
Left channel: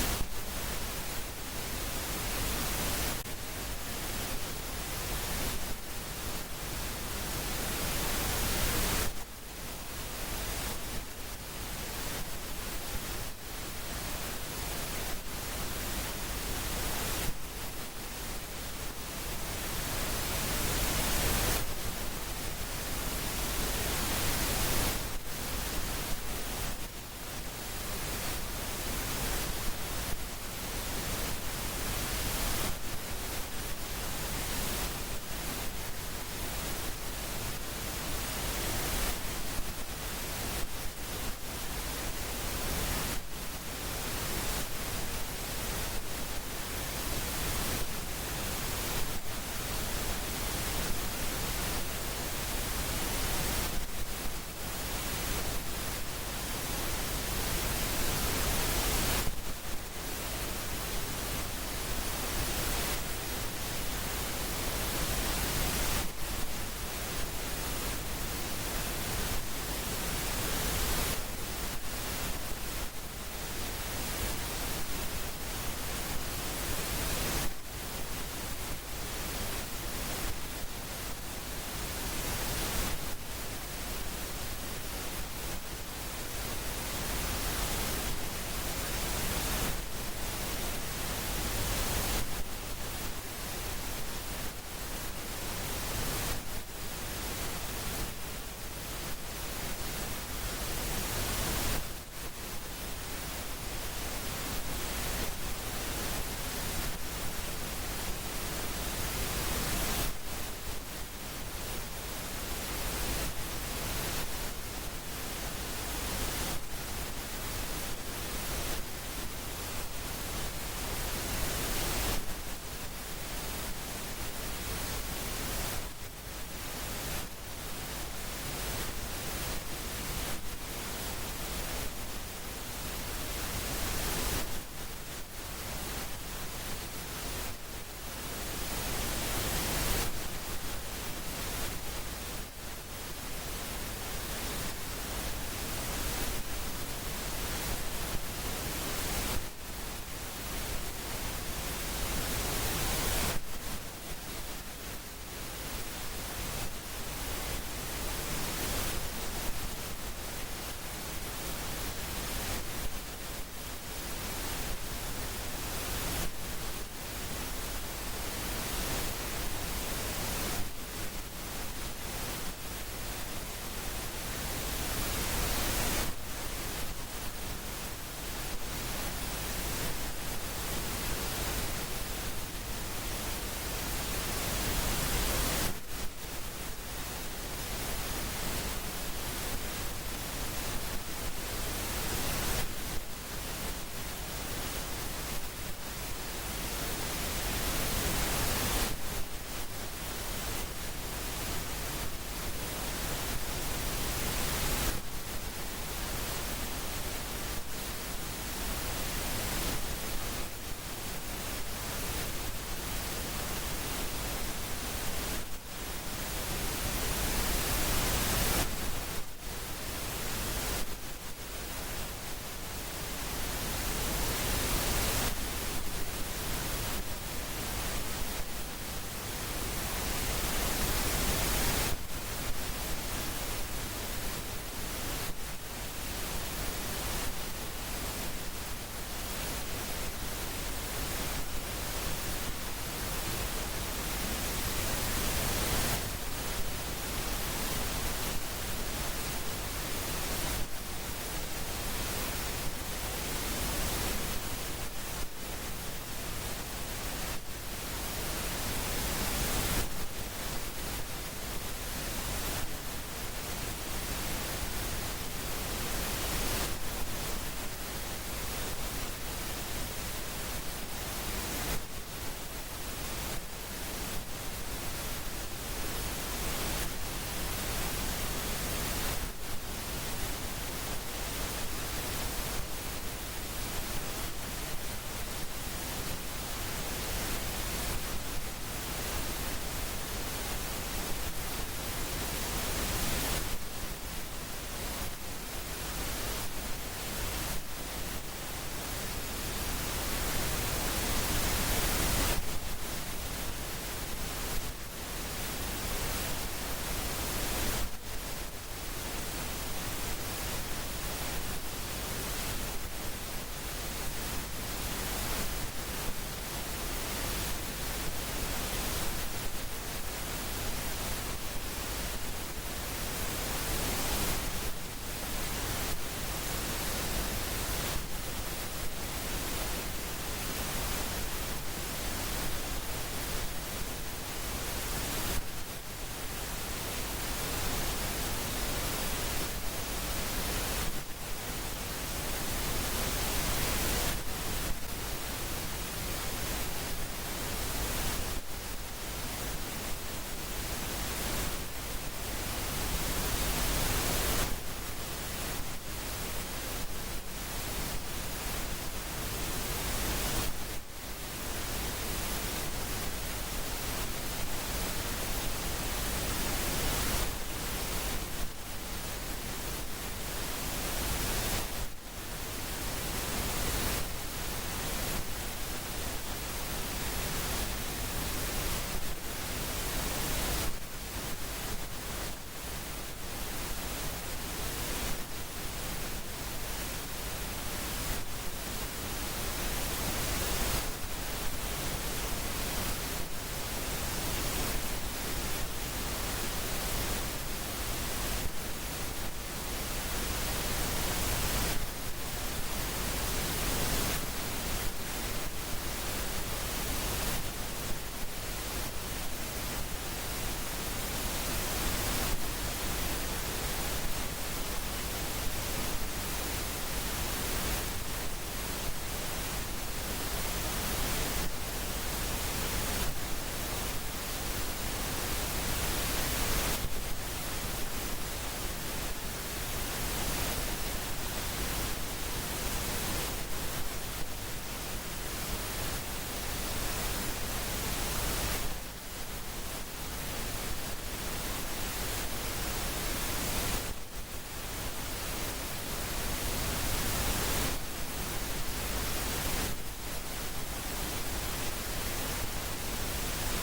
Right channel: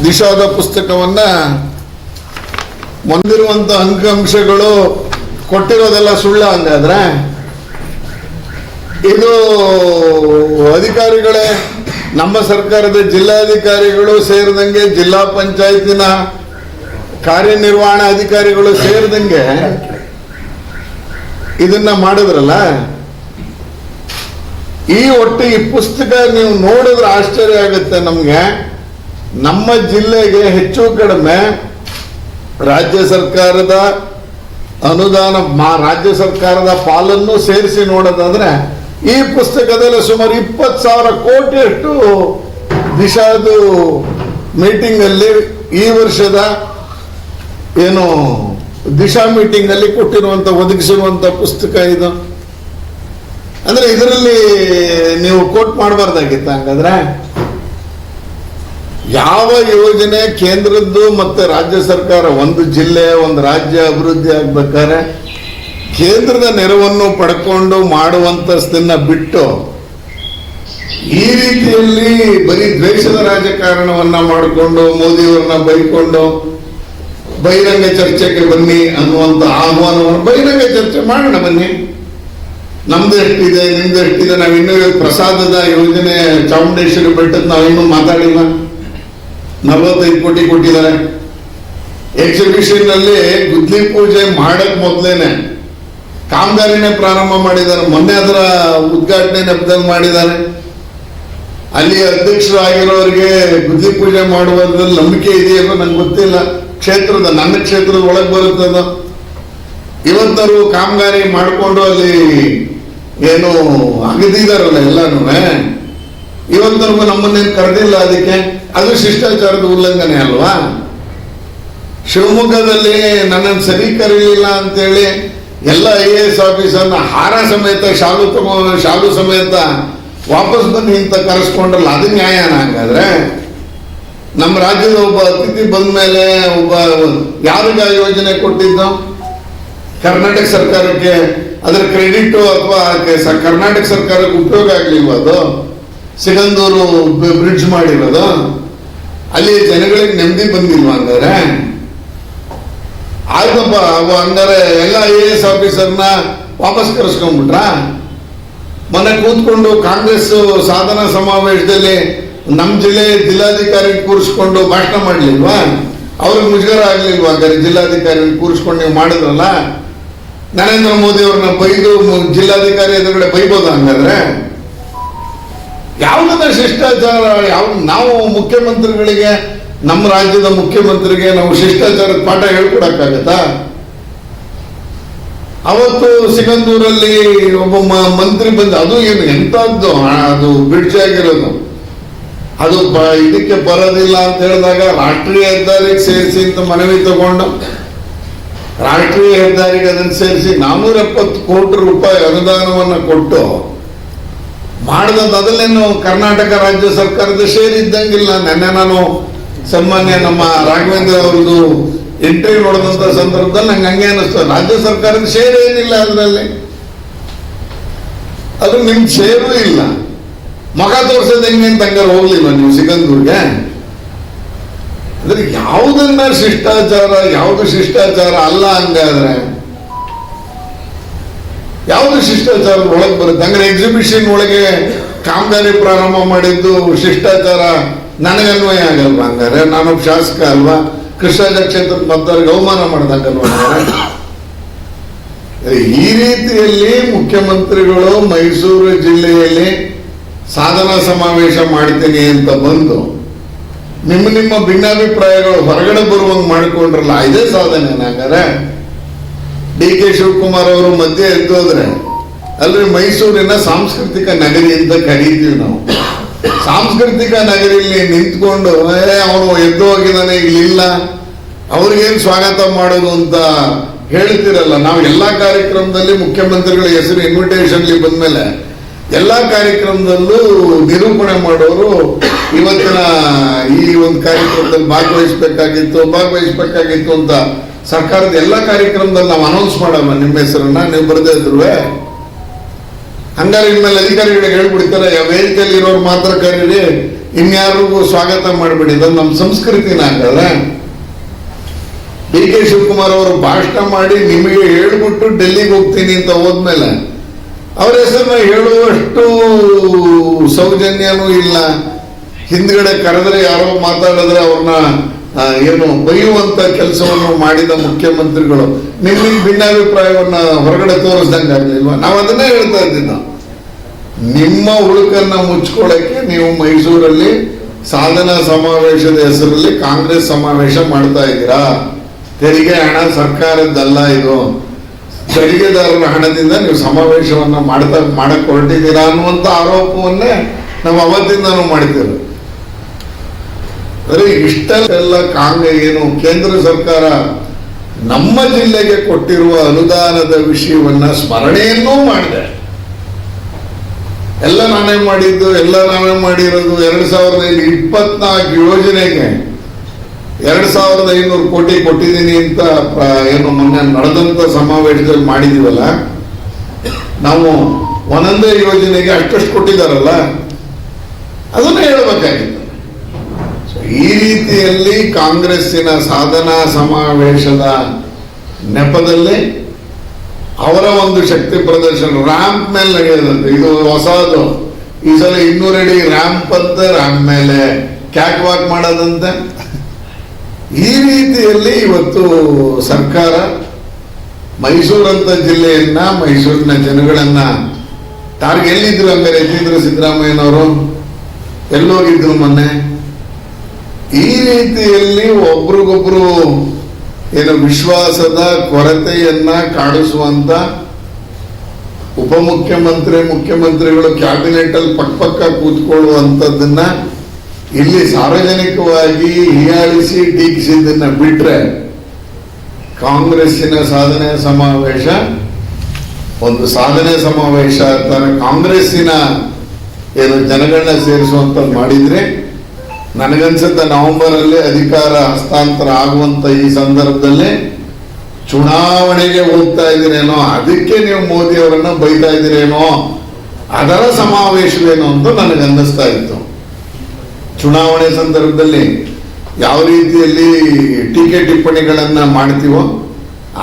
ದಿಶಾದ ಪುಸ್ತಕವನ್ನ ಮುಂದಿರುವಂತ ಅಂಕಿಅಂಶಗಳು ಕೊಟ್ಟಿರೋದೆಲ್ಲ ಸುಳ್ಳ? ಹಂಗಾದ್ರೆ ಇದು ಅಧಿಕಾರಿಗಳೇ, ನಮ್ಮ ಸರ್ಕಾರದ ಜಿಲ್ಲಾಧಿಕಾರಿಗಳು ಸೇರಿದಂಗೆ, ಜಿಲ್ಲಾ ಪಂಚಾಯತಿನ ಕಾರ್ಯನಿರ್ವಹಣಾ ಅಧಿಕಾರಿಗಳು ಸೇರಿದಂಗೆ ಇದನ್ನ ಮಾಡಿದ್ರಲ್ಲ. ಒಟ್ಟು ಈ ಪುಸ್ತಕ ನೀವು ನೋಡಿದ್ರೆ ಆಶ್ಚರ್ಯ ಆಗುತ್ತೆ ನಮ್ಗೆ. ನಮ್ಮ ಜಿಲ್ಲೆಗೆ ಹೆಚ್ಚು ಕಡಿಮೆ ರಾಜ್ಯ ಸರ್ಕಾರದ ಅನುದಾನ, ರಾಜ್ಯ ಸರ್ಕಾರದ ಪಾಲನ್ನು ಸೇರಿಸಿ ನೋಡೋದಾದ್ರೆ ಈ ಪುಸ್ತಕದಲ್ಲಿ ಸುಮಾರು 20,000 ಕೋಟಿಯಷ್ಟು ದಿಶಾದು ಮೀಟಿಂಗ್ ಅಲ್ಲಿ, ಈ ವರ್ಷದ ಏನು ದಿಶಾ ಮೀಟಿಂಗ್ ಅಲ್ಲಿ ಒದಗಿಸಿರುವಂತ ಪುಸ್ತಕ ಇದು. ಅಂದ್ರೆ ಇದರಲ್ಲಿ ನೀವು ಕೋಟ್ ಮಾಡಬಾರ್ದಾಗಿತ್ತ? ಹಂಗಾದ್ರೆ ಯಾವ ಯೋಜನೆ ಕೇಂದ್ರದ್ದು ಮತ್ತೆ ರಾಜ್ಯ ಸರ್ಕಾರ, ಒಂದು ಜಿಲ್ಲೆ ಒಂದು ರಾಜ್ಯ ಅಭಿವೃದ್ಧಿ ಆಗ್ಬೇಕಾದ್ರೆ ಕೇಂದ್ರದ ನೆರವನ್ನು ಪಡ್ಕೊಂಡು ಮಾಡುವಂತದನ್ನ ಬಿಟ್ಟು ಈ ರೀತಿಯಲ್ಲಿ ಬರೀ ದ್ವೇಷದ ರಾಜಕಾರಣವನ್ನ ಮಾಡಿಕೊಂಡು ಮೋದಿಯವರನ್ನ ಬೈಕೊಂಡು ಬಹಿರಂಗ ಚರ್ಚೆಗೆ ಬನ್ನಿ ಅನ್ನುವಂತ ಆಹ್ವಾನವನ್ನು, ಬಹಿರಂಗ ಚರ್ಚೆ ಮಾಡೋಣ ಬನ್ನಿ, ನಮ್ದು ಎಷ್ಟಿದೆ ನಿಮ್ದು ಎಷ್ಟಿದೆ, ನಾವಿನ್ನೂ ಪ್ರಸಾದದ ಯೋಜನೆ ಚಾಮುಂಡೇಶ್ವರಿ ಬೆಟ್ಟದ ನಾವಿನ್ನೂ ಮಾತಾಡಿಲ್ಲ, 45 ಕೋಟಿ ಕೊಟ್ಟಿದ್ದಾರೆ. ಎಕ್ಸಿಬಿಷನ್ ಅಲ್ಲಿ ಗುದ್ಲಿ ಪೂಜೆ ಮಾಡಕ್ ಮೊದಲೇನೆ ಕಾಮಗಾರಿನೇ ಪ್ರಾರಂಭ ಮಾಡಿದ್ದಾರೆ. ಮೊನ್ನೆ ಅದರ ಉದ್ಘಾಟನೆ ನೆಪದಲ್ಲಿ ಮಾಡಿದ್ದಾರೆ. ಅಲ್ಲಿ ಅಧ್ಯಕ್ಷರಾಗಿರೋರಿಗೆ ಗುದ್ಲಿ ಪೂಜೆ ಮಾಡುವುದ್ರಲ್ಲಿ ನಂಬಿಕೆ ಇದೆಯಲ್ಲೋ ನಂಗೆ ಗೊತ್ತಿಲ್ಲ. ನನ್ನ ಕ್ಷೇತ್ರದ ಒಳಗೆ ಬರುತ್ತದ. ಇವತ್ತರು ಕಾಮಗಾರಿ ಮಾಡಿಕೊಂಡು ಅಲ್ಲಿ ಏನು ಅಗದಿದಾರಲ್ಲ ಎಲ್ಲಾನು, ಇವತ್ತರೆಗೂ ನಮ್ಮನ್ನೇನು ಕರೆದಿಲ್ಲ. ಅದಕ್ಕೆ ಅದು ಶಿಷ್ಟಾಚಾರದ ಉಲ್ಲಂಘನೆ ಅಲ್ವಾ? ಶಿವಮೊಗ್ಗದಲ್ಲಿ ನನ್ನನ್ನು ಸರಿ ಕರೀಲಿಲ್ಲ ಅಂತೇಳಿ ಎಲ್ಲ IAS ಆಫೀಸರ್ನ ಹಾರ ಸಮೇತ ಶಾಲು ಸಮೇತ ವಾಪಸ್ ಬನ್ನಿ ಅಂತ ಕರೆಸ್ಕೊಂಡ್ರಲ್ಲ, ಅದು ನ್ಯಾಯನ? ಹಂಗಾದ್ರೆ ನಮ್ಮ ರಾಜ್ಯದ ಒಬ್ಬ ಅತಿಥಿ ಬಂದ ಮೇಲೆ ಯಾರಿಗ ಯೋಜನೆ ಕೊಟ್ಟಿದ್ದು? ಕರ್ನಾಟಕ ಸರ್ಕಾರಕ್ಕೆ ಅದರ ಕ್ರೆಡಿಟ್ ಅಥವಾ ಕರ್ನಾಟಕ ಸರ್ಕಾರಕ್ಕೆ ಉಪಯೋಗ ಆಗ್ಲಿಲ್ವ? ಅದು ಸಿಗಂದೂರು ಬ್ರಿಡ್ಜ್ ಮಾಡಿರೋದು ಅಲ್ಲಿ ಜನಗಳಿಗೆ ನೆಮ್ಮದಿ ಬಂದಿಲ್ವಾ? ಹಂಗಾರೆ ಆಯ್ತಪ್ಪ, ಹಂಗಾರೆ ಎಲ್ಲ IAS ಆಫೀಸರ್ನ ವಾಪಸ್ ಕರೆಸ್ಕೊಂಡ್ಬಿಟ್ರ? ಮೊನ್ನೆ ಕೂತ್ಕೊಂಡು ಕಾಂಗ್ರೆಸ್ ಸಾಧನಾ ಸಮಾವೇಶದಲ್ಲಿ ನಮ್ಮ ಜಿಲ್ಲಾಧಿಕಾರಿ ಕೂರಿಸ್ಕೊಂಡು ಭಾಷಣ ಮಾಡ್ಲಿಲ್ವಾ? ಅವ್ರಿಗೆ ಮುಜುಗರ ಆಗ್ಲಿಲ್ವಾ? ಹಂಗಾರೆ ಜಿಲ್ಲಾಧಿಕಾರಿ ಕೂರಿಸ್ಕೊಂಡು ನೀವು ಮಾಡಿದ್ರಲ್ಲ, ನರೇಂದ್ರ ಮೋದಿ ಅವ್ರನ್ನ ಬೈದು ಜಿಲ್ಲಾಧಿಕಾರಿ ಎದುರುಗಡೆ ಬೈಬೋದ? ಹಂಗಾದ್ರೆ ಯಾವುದನ್ನ ಶಿಷ್ಟಾಚಾರ? ನಾವು ಮುಖ್ಯಮಂತ್ರಿಗಳಿಗೆ, ನಮ್ಮ ರಾಜ್ಯದ ಮುಖ್ಯಮಂತ್ರಿಗೆ ನಾವು ಶಿಷ್ಟಾಚಾರದ ಪಾಠ ಹೇಳ್ಕೊಡಕ್ಕಾಗತ್ತಾ? ಅವತ್ತು ಸಿಗಂದೂರಲ್ಲಿ ಒಬ್ಬ ಮಂತ್ರಿ ಬಂದ, ಅದು ಏನು ಎಂತದ್ದು, ಅದು ಬ್ರಿಡ್ಜ್ ಆಗಿರೋದು, ಅದು ಇದಕ್ಕೆ ಬರೋದಿಲ್ಲ ಅಂತ ಹೇಳಿದಾಗ ರಾಷ್ಟ್ರೀಯ ಹೆದ್ದಾರಿಗೆ ಸೇರಿಸಿ ಅಂತ ಮನವಿ ತಗೊಂಡು ರಾಷ್ಟ್ರೀಯ ಹೆದ್ದಾರಿಗೆ ಅದನ್ನು ಸೇರಿಸಿ 470 ಕೋಟಿ ರೂಪಾಯಿ ಅನುದಾನವನ್ನು ಕೊಟ್ಟು ಮಾಡಿದಂತ. ಅದಲ್ಲೇನು ಕರ್ನಾಟಕ ರಾಜ್ಯ ಸರ್ಕಾರದ ಶೇರ್ ಇದ್ದಂಗಿಲ್ಲ. ನೆನ್ನೆ ನಾನು ಸನ್ಮಾನ್ಯ ನಮ್ಮ ರಾಘವೇಂದ್ರ ಅವ್ರದ್ದು ಇಂಟರ್ವ್ಯೂ ನೋಡಿದಂತ ಸಂದರ್ಭದಲ್ಲಿ ನಂಗೆ ಹಂಗೆ ಅನಿಸ್ತು, ರಾಜ್ಯ ಸರ್ಕಾರದ ಶೇರ್ ಏನಿಲ್ಲ ಅದರಲ್ಲಿ, ಅದು ನಿಮ್ ಶೇರು ಇಲ್ಲ. ಮಗ ತೋರ್ಸೋದು ಹೆಂಗೆ ಅಂತ ಹಂಗಾರೆ ಹೋಗ್ಲಿಲ್ಲ ನೀವು ಸಿಗಂದೂರ್ಗೆ? ಅಂದ್ರೆ ಯಾವುದನ್ನ ಶಿಷ್ಟಾಚಾರ, ಯಾವುದು ಶಿಷ್ಟಾಚಾರ ಅಲ್ಲ? ಹಂಗಾದ್ರೆ ಯಾವುದು ಶಿಷ್ಟಾಚಾರದ ಒಳಗೆ ಬರುತ್ತೆ? ಹಂಗಾರೆ ಎಕ್ಸಿಬಿಷನ್ ಒಳಗೆ ಕಾಮಗಾರಿ ಪ್ರಾರಂಭ ಮಾಡಿದ್ದು ಶಿಷ್ಟಾಚಾರ ನನಗನ್ವಯ ಆಗಲ್ವಾ? ಹಂಗಾರೆ ನಾನೊಬ್ಬ ಶಾಸಕ ಅಲ್ವಾ? ಕೃಷ್ಣರಾಜ ಕ್ಷೇತ್ರದ ಮತದಾರರಿಗೆ ಅವಮಾನ ಮಾಡ್ದಂಗಲ್ವಾ? ಈ ರೀತಿಯಲ್ಲಿ ಮುಖ್ಯಮಂತ್ರಿಗಳು ಮೈಸೂರು ಜಿಲ್ಲೆಯಲ್ಲಿ ಸಾಧನಾ ಸಮಾವೇಶ ಮಾಡ್ತೀನಿ ಅಂತ ಬಂದು ನಿಮ್ಮ ಭಿನ್ನಾಭಿಪ್ರಾಯಗಳು ಹೊರಗಡೆ ಬರುವಂಗೆ ಮಾಡಿಕೊಂಡ್ರಲ್ಲ, ಇದೇ ಸಾಧನೆ. ಹಂಗಾರೆ DK ಶಿವಕುಮಾರ್ ಅವರು ಮಧ್ಯೆ ಎದ್ದೋದ್ರೆ, ಅಲ್ರಿ ಮೈಸೂರಿನ ಸಾಂಸ್ಕೃತಿಕ ನಗರಿ ಅಂತ ಕರೀತೀವಿ ನಾವು. ಸಾಂಸ್ಕೃತಿಕ ನಗರಿಯಲ್ಲಿ ನಿಂತ್ಕೊಂಡು ಅವನು ಎದ್ದು ಹೋಗಿದ್ದಾನೆ, ಇಲ್ಲಿಲ್ಲ, ಅವ್ರಿಗೇನು ಸ್ವಾಗತ ಮಾಡೋದು ಅಂತ ಹೇಳ್ತಿರಲ್ಲ. ನಾವು ಎಲ್ಲಾ ಕಾರ್ಯಕ್ರಮದಲ್ಲಿ ಮುಖ್ಯಮಂತ್ರಿಗಳ ಹೆಸರು ಇನ್ವಿಟೇಷನ್ಲಿ ಬಂದ್ಮೇಲೆ ಎಲ್ಲ ಕಾರ್ಯಕ್ರಮದಲ್ಲೂ ನಿರೂಪಣೆ ಮಾಡೋರು ಇವತ್ತಿನ ಈ ಒಂದು ಕಾರ್ಯಕ್ರಮದಲ್ಲಿ ಭಾಗವಹಿಸ್ಬೇಕಾಗಿತ್ತು ಅಂತ ಸರ್ಕಾರದ ಎಲ್ಲ ಕಾರ್ಯಕ್ರಮದಲ್ಲಿ ನಾವು ಅನೌನ್ಸ್ ಮಾಡಲ್ಲ ನಿಮ್ಮ ಹೆಸರನ್ನ, ನೀವು ಬರದೇ ಇದ್ರುವೆ. ಹಂಗಾರೆ ಇನ್ಮೇಲೆ ಅಧಿಕಾರಿಗಳಿಗೆ ಹೇಳ್ಬಿಡ್ತಾರೆ, ವೇದಿಕೆಯಲ್ಲಿ ಇರೋರು ಮಾತ್ರ ಕರೀರಿ, ಇನ್ಯಾರಿಗೂ ಸ್ವಾಗತ ಮಾಡಬೇಡಿ. ಇದನ್ನು ನಮ್ಮ ಸಂಸ್ಕೃತಿನ ಹಾಕಲ್ಲ. ಡಿ ಕೆ ಶಿವಕುಮಾರ್ ಅವರು ಭಾಷಣ ಮಾಡಿ ನಿಮಗೆ ಹೇಳ್ಬಿಟ್ಟು ಡೆಲ್ಲಿಗೆ ಹೋಗ್ತೀನಿ ಅಂತ ಹೋದ್ಮೇಲೆ ಅವ್ರ ಹೆಸರನ್ನ ಹೇಳುವಷ್ಟು ಸೌಜನ್ಯನೂ ಇಲ್ಲ. ಹಿಂದ್ಗಡೆ ಕರೆದ್ರೆ ಯಾರೋ ಮಾತಾಡಿದ್ರೆ ಅವ್ರನ್ನ ಏನು ಬೈಯುವಂತ ಕೆಲಸವನ್ನು ಮಾಡಿದ ಮುಖ್ಯಮಂತ್ರಿಗಳು ನಿಮಗೆ ಭಿನ್ನಾಭಿಪ್ರಾಯವನ್ನ ಹೊರಗಡೆ ತೋರಿಸ್ದಂಗೆ ಆಗ್ಲಿಲ್ವಾ? ನಾವು ಅದನ್ನೇ ಹೇಳ್ತಾ ಇದ್ದೀವಿ. ನಿಮ್ಮ ಹುಳುಕನ್ನ ಮುಚ್ಕೊಳ್ಳಕ್ಕೆ ನೀವು ಮೈಸೂರಲ್ಲಿ ಸಾಧನಾ ಸಮಾವೇಶದ ಹೆಸರಲ್ಲಿ ಕಾಂಗ್ರೆಸ್ ಸಮಾವೇಶ ಮಾಡ್ತಾ ಇದ್ದೀರಾ. ತೆರಿಗೆ ಹಣ ಸರ್ಕಾರದ್ದಲ್ಲ, ಇದು ತೆರಿಗೆದಾರರ ಹಣದಿಂದ ನೀವು ಸಮಾವೇಶವನ್ನ ಮಾಡಕ್ ಹೊರಟಿದ್ದೀರಾ ಅನ್ನುವಂತ ಆರೋಪವನ್ನೇ ನಾವು ಅವತ್ತಿಂದಾನು ಮಾಡ್ತೇವೆ. ಬರೀ ಇಷ್ಟೆಲ್ಲ ಏನು ಕೇಂದ್ರ ಸರ್ಕಾರ ನಮ್ಮ ಜಿಲ್ಲೆಗೆ ಕೊಟ್ಟಿರುವ ಅನುದಾನದ ವಿಷಯವನ್ನ ಸ್ಮರಣೆಯನ್ನೂ ಮಾಡಿದೆ. ಎಲ್ಲ ನಾನೇ ಮಾಡಿದ್ದು, ಎಲ್ಲ ನಾವೇ ಮಾಡಿರೋದು. 2024 ಯೋಜನೆಗೆ 2500 ಕೋಟಿ ಕೊಟ್ಟಿದ್ದೀನಿ ಅಂತ ಏನು ಮೊನ್ನೆ ನಡೆದಂತ ಸಮಾವೇಶದಲ್ಲಿ ಮಾಡಿದೀವಲ್ಲ, ನಾವು ಒಂದೊಂದೇ ಯೋಜನೆಗೆ ಅಷ್ಟಷ್ಟು ಕೊಟ್ಟಿದ್ದಾರಲ್ಲ, ಅದನ್ನೇ ಹೇಳಬೇಕಾಗಿತ್ತು. ಈ ರೀತಿಯಲ್ಲಿ ಕಾಂಗ್ರೆಸ್ಸಿನ ಸಾಧನಾ ಸಮಾವೇಶದ ನೆಪದಲ್ಲಿ ಅವರ ಒಂದು ಶಕ್ತಿ ಪ್ರದರ್ಶನ ರ್ಯಾಂಪ್ ಮೇಲೆ ನಡೆಯೋದಂತೆ. ಇದು ಹೊಸದು. ಈ ಸಲ 200 ಅಡಿ ರ್ಯಾಂಪ್ ಅಂತ ರ್ಯಾಂಪ್ ಮೇಲೆ ಕ್ಯಾಟ್ ವಾಕ್ ಮಾಡೋದಂತೆ. ಈ ರೀತಿಯಲ್ಲಿ ಇವತ್ತು ಸರ್ಕಾರ ಮೈಸೂರಂತ ಜಿಲ್ಲೆಯನ್ನ, ಮೈಸೂರಿನ ಜನಗಳನ್ನ ಎಲ್ಲಿದ್ರು ಹಂಗಾರೆ ಎತ್ತಿದ್ರು ಸಿದ್ದರಾಮಯ್ಯನವರು? ಎಲ್ಲೋಗಿದ್ರು ಮೊನ್ನೆ? ಈ ರೀತಿಯಲ್ಲಿ ಒಬ್ರಿಗೊಬ್ರು ಏನು ವಿಶ್ವಾಸದ ಕೊರತೆಯನ್ನ ಕಾಡಿಸುವಂತ ಮುಖ್ಯಮಂತ್ರಿಗಳು ಕ್ಯಾಬಿನೆಟ್ ಅಲ್ಲಿ ಪಕ್ಕ ಕೂತ್ಕೊಳ್ಳುವಂಥದ್ದನ್ನ ಇಲ್ಲಿ ಸಾರ್ವಜನಿಕವಾಗಿ ಹೀಯಾಳಿಸಿ ಟೀಕಿಸಿದ್ದನ್ನ ಬಿಟ್ರೆ, ಕಾಂಗ್ರೆಸ್ಸಿನ ಸಾಧನೆ ಸಮಾವೇಶ ಒಂದು ಸಾಧನೆ ಸಮಾವೇಶ ತರ ಕಾಂಗ್ರೆಸ್ಸಿನ ಏನು ಜನಗಳನ್ನ ಸೇರಿಸುವಂತ ಮಾಡಿದ್ರೆ, ನನಗನ್ಸುತ್ತೆ ನವೆಂಬರ್ ಅಲ್ಲಿ ಅಧಿಕಾರ ಹಸ್ತಾಂತರ ಆಗುವಂತ ಈ ಸಂದರ್ಭದಲ್ಲಿ ಚುನಾವಣೆಗೆ ಹೋಗ್ತಾ ಇದ್ದೀರೇನೋ, ಅದಕ್ಕೆ ನೀವು ಮೋದಿ ಅವರನ್ನ ಬೈತಾ ಇದ್ದೀರೇನೋ, ಅದರ ಸಮಾವೇಶವೇನೋ ಅಂತ ನನಗೆ ಅನ್ನಿಸ್ತಾ ಇತ್ತು. ಚುನಾವಣೆ ಸಂದರ್ಭದಲ್ಲಿ ಯಾವ ರೀತಿಯಲ್ಲಿ ಟೀಕೆ ಟಿಪ್ಪಣಿಗಳನ್ನ ಮಾಡ್ತೀವೋ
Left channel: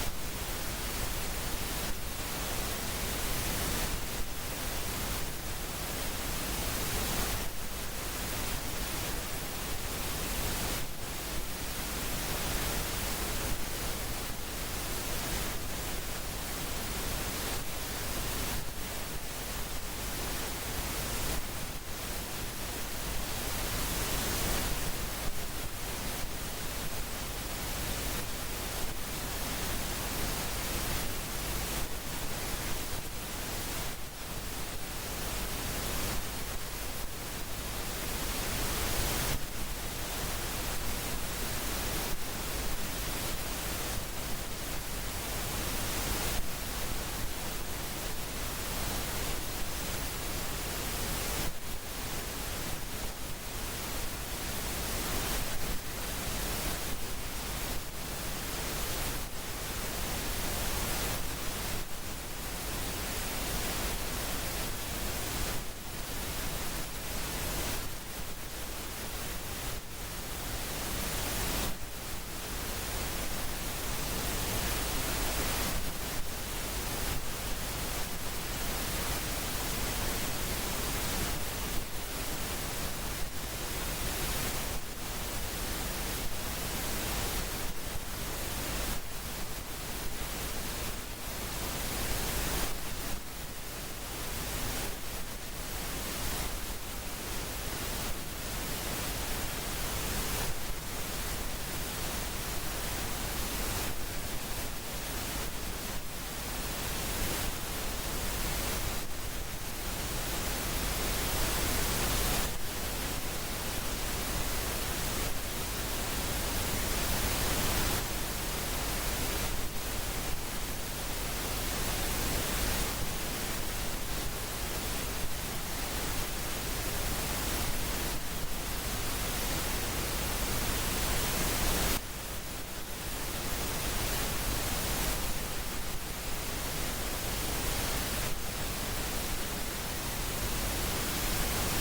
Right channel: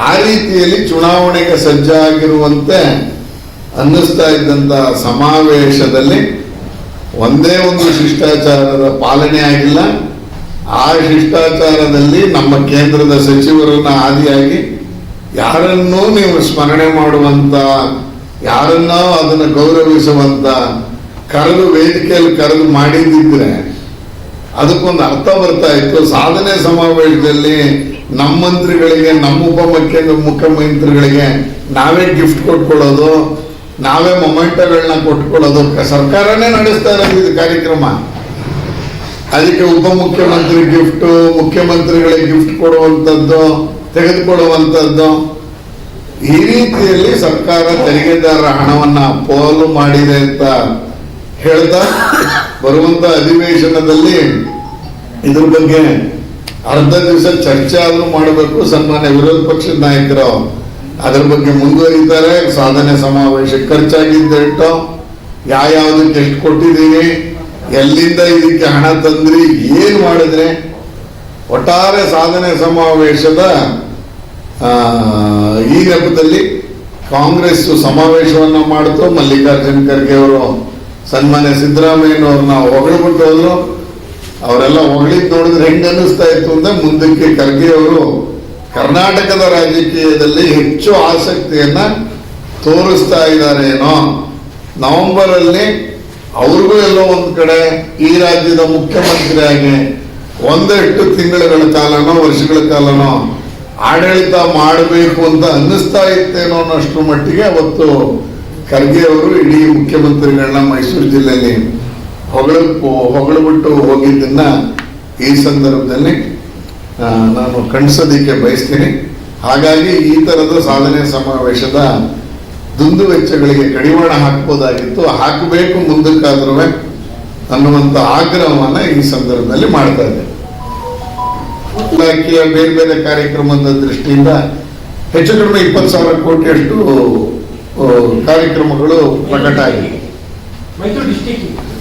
ಆ ರೀತಿಯಲ್ಲಿ ಚುನಾವಣೆಗೆ ಸಜ್ಜಾಗಿರುವಂತೆ ಅನ್ನಿಸ್ತಾ ಇದ್ದಂತ ಸಮಾವೇಶದಲ್ಲಿ ಒಂದೇ ಒಂದು ಶಿಷ್ಟಾಚಾರದ ಪಾಲನೆ ಆಗಿಲ್ಲ. ಆ ಶಿಷ್ಟಾಚಾರದಲ್ಲಿ ನಮ್ಮ ಕೇಂದ್ರದ ಸಚಿವರನ್ನ ಆದಿಯಾಗಿ ಯಾರನ್ನೂ ನೀವು ಸ್ಮರಣೆ ಮಾಡುವಂತ, ಯಾರನ್ನೋ ಅದನ್ನು ಗೌರವಿಸುವಂತ ವೇದಿಕೆಯಲ್ಲಿ ಕರೆದು ಮಾಡಿದ್ದಿದ್ರೆ ಅದಕ್ಕೊಂದು ಅರ್ಥ ಬರ್ತಾ ಇತ್ತು. ಸಾಧನೆ ಸಮಾವೇಶದಲ್ಲಿ ನಮ್ಮ ಮಂತ್ರಿಗಳಿಗೆ, ನಮ್ಮ ಮುಖ್ಯಮಂತ್ರಿಗಳಿಗೆ ನಾವೇ ಗಿಫ್ಟ್ ಕೊಟ್ಕೊಳ್ಳೋದು, ನಾವೇ ಮೊಮೆಂಟಗಳನ್ನ ಕೊಟ್ಕೊಳ್ಳೋದು ಸರ್ಕಾರನೇ ನಡೆಸ್ತಾ ಇರೋದು ಇದು ಕಾರ್ಯಕ್ರಮ. ಅದಕ್ಕೆ ಉಪಮುಖ್ಯಮಂತ್ರಿ ಗಿಫ್ಟ್, ಮುಖ್ಯಮಂತ್ರಿಗಳಿಗೆ ಗಿಫ್ಟ್ ಕೊಡುವಂಥದ್ದು, ತೆಗೆದುಕೊಳ್ಳುವಂಥದ್ದು, ಈ ರೀತಿಯಲ್ಲಿ ಸರ್ಕಾರ ತೆರಿಗೆದಾರರ ಹಣವನ್ನ ಪೋಲು ಮಾಡಿದೆ ಅಂತ ಹೇಳ್ತಾ ಬರುವಂತ ಅಧಿವೇಶನದಲ್ಲಿ ಇದ್ರ ಬಗ್ಗೆ ಅರ್ಧ ದಿವಸ ಚರ್ಚೆ ಆದ್ರೂ ಮಾಡಬೇಕು. ಸನ್ಮಾನ್ಯ ವಿರೋಧ ಪಕ್ಷದ ನಾಯಕರು ಅದ್ರ ಬಗ್ಗೆ ಮುಂದುವರಿತಾರೆ. ಸಾಧನೆ ಸಮಾವೇಶ ಖರ್ಚಾಗಿದ್ದು ಯಾವ್ದಕ್ಕೆ ಎಷ್ಟು ಕೊಟ್ಟಿದ್ದೀವಿ, ಎಲ್ಲಿಂದ ಇದಕ್ಕೆ ಹಣ ತಂದ್ರಿ, ಏನ್ ಮಾಡಿದ್ರೆ, ಒಟ್ಟಾರೆ ಸಾಧನೆ ಸಮಾವೇಶದ ಈ ನೆಪದಲ್ಲಿ ಕಾಂಗ್ರೆಸ್ ಸಮಾವೇಶವನ್ನ ಮಾಡಿತು. ಮಲ್ಲಿಕಾರ್ಜುನ್ ಖರ್ಗೆ ಅವರು ಸನ್ಮಾನ್ಯ ಸಿದ್ದರಾಮಯ್ಯನವ್ರನ್ನ ಹೊಗಳ್ಬಿಟ್ಟು ಹೋದ್ರು. ಅವರೆಲ್ಲ ಹೊಗಳಿದ್ ನೋಡಿದ್ರೆ ಹೆಂಗ ಅನ್ನಿಸ್ತಾ ಇತ್ತು ಅಂದ್ರೆ, ಮುಂದಕ್ಕೆ ಖರ್ಗೆ ಅವರು ಕರ್ನಾಟಕದ ರಾಜಕೀಯದಲ್ಲಿ ಹೆಚ್ಚು ಆಸಕ್ತಿಯನ್ನ ತೋರಿಸ್ತಾ ಇದ್ದಾರೇನೋ. ನವೆಂಬರ್ ಅಲ್ಲಿ ಅವ್ರಿಗೂ ಎಲ್ಲೋ ಒಂದ್ ಕಡೆ ಈ ರಾಜ್ಯದ ಮುಖ್ಯಮಂತ್ರಿಯಾಗಿ ಒಂದೆಷ್ಟು ತಿಂಗಳುಗಳ ಕಾಲನೋ ವರ್ಷಗಳ ಕಾಲನೋ ಆಡಳಿತ ಮಾಡಬೇಕು ಅಂತ ಅನ್ನಿಸ್ತಾ ಇತ್ತೇನೋ ಅನ್ನೋಷ್ಟು ಮಟ್ಟಿಗೆ ಅವತ್ತು ಖರ್ಗೆ ಅವರು ಇಡೀ ಮುಖ್ಯಮಂತ್ರಿಗಳನ್ನ ಮೈಸೂರು ಜಿಲ್ಲೆಯಲ್ಲಿ ಹೊಗಳಬಿಟ್ಟು ಹೋಗಿದ್ದನ್ನ ಈ ಸಂದರ್ಭದಲ್ಲಿ ನಾನು ಕಣ್ಸೋದಿಕ್ಕೆ ಬಯಸ್ತೀನಿ. ಹಾಗಾಗಿ ಈ ತರದ ಸಾಧನೆ ಸಮಾವೇಶದ ದುಂದು ವೆಚ್ಚಗಳಿಗೆ ಕಡಿವಾಣ ಹಾಕ್ಬೋದಾಗಿತ್ತು, ಹಾಕಬೇಕು ಮುಂದಕ್ಕಾದ್ರೂ ಅನ್ನುವಂಥ ಆಗ್ರಹವನ್ನ ಈ ಸಂದರ್ಭದಲ್ಲಿ ಮಾಡ್ತಾ ಇದೆ. ಇಲಾಖೆಯ ಬೇರೆ ಬೇರೆ ಕಾರ್ಯಕ್ರಮದ ದೃಷ್ಟಿಯಿಂದ ಹೆಚ್ಚು ಕಡಿಮೆ 20,000 ಕೋಟಿಯಷ್ಟು ಕಾರ್ಯಕ್ರಮಗಳು ಪ್ರಕಟ ಆಗಿದೆ.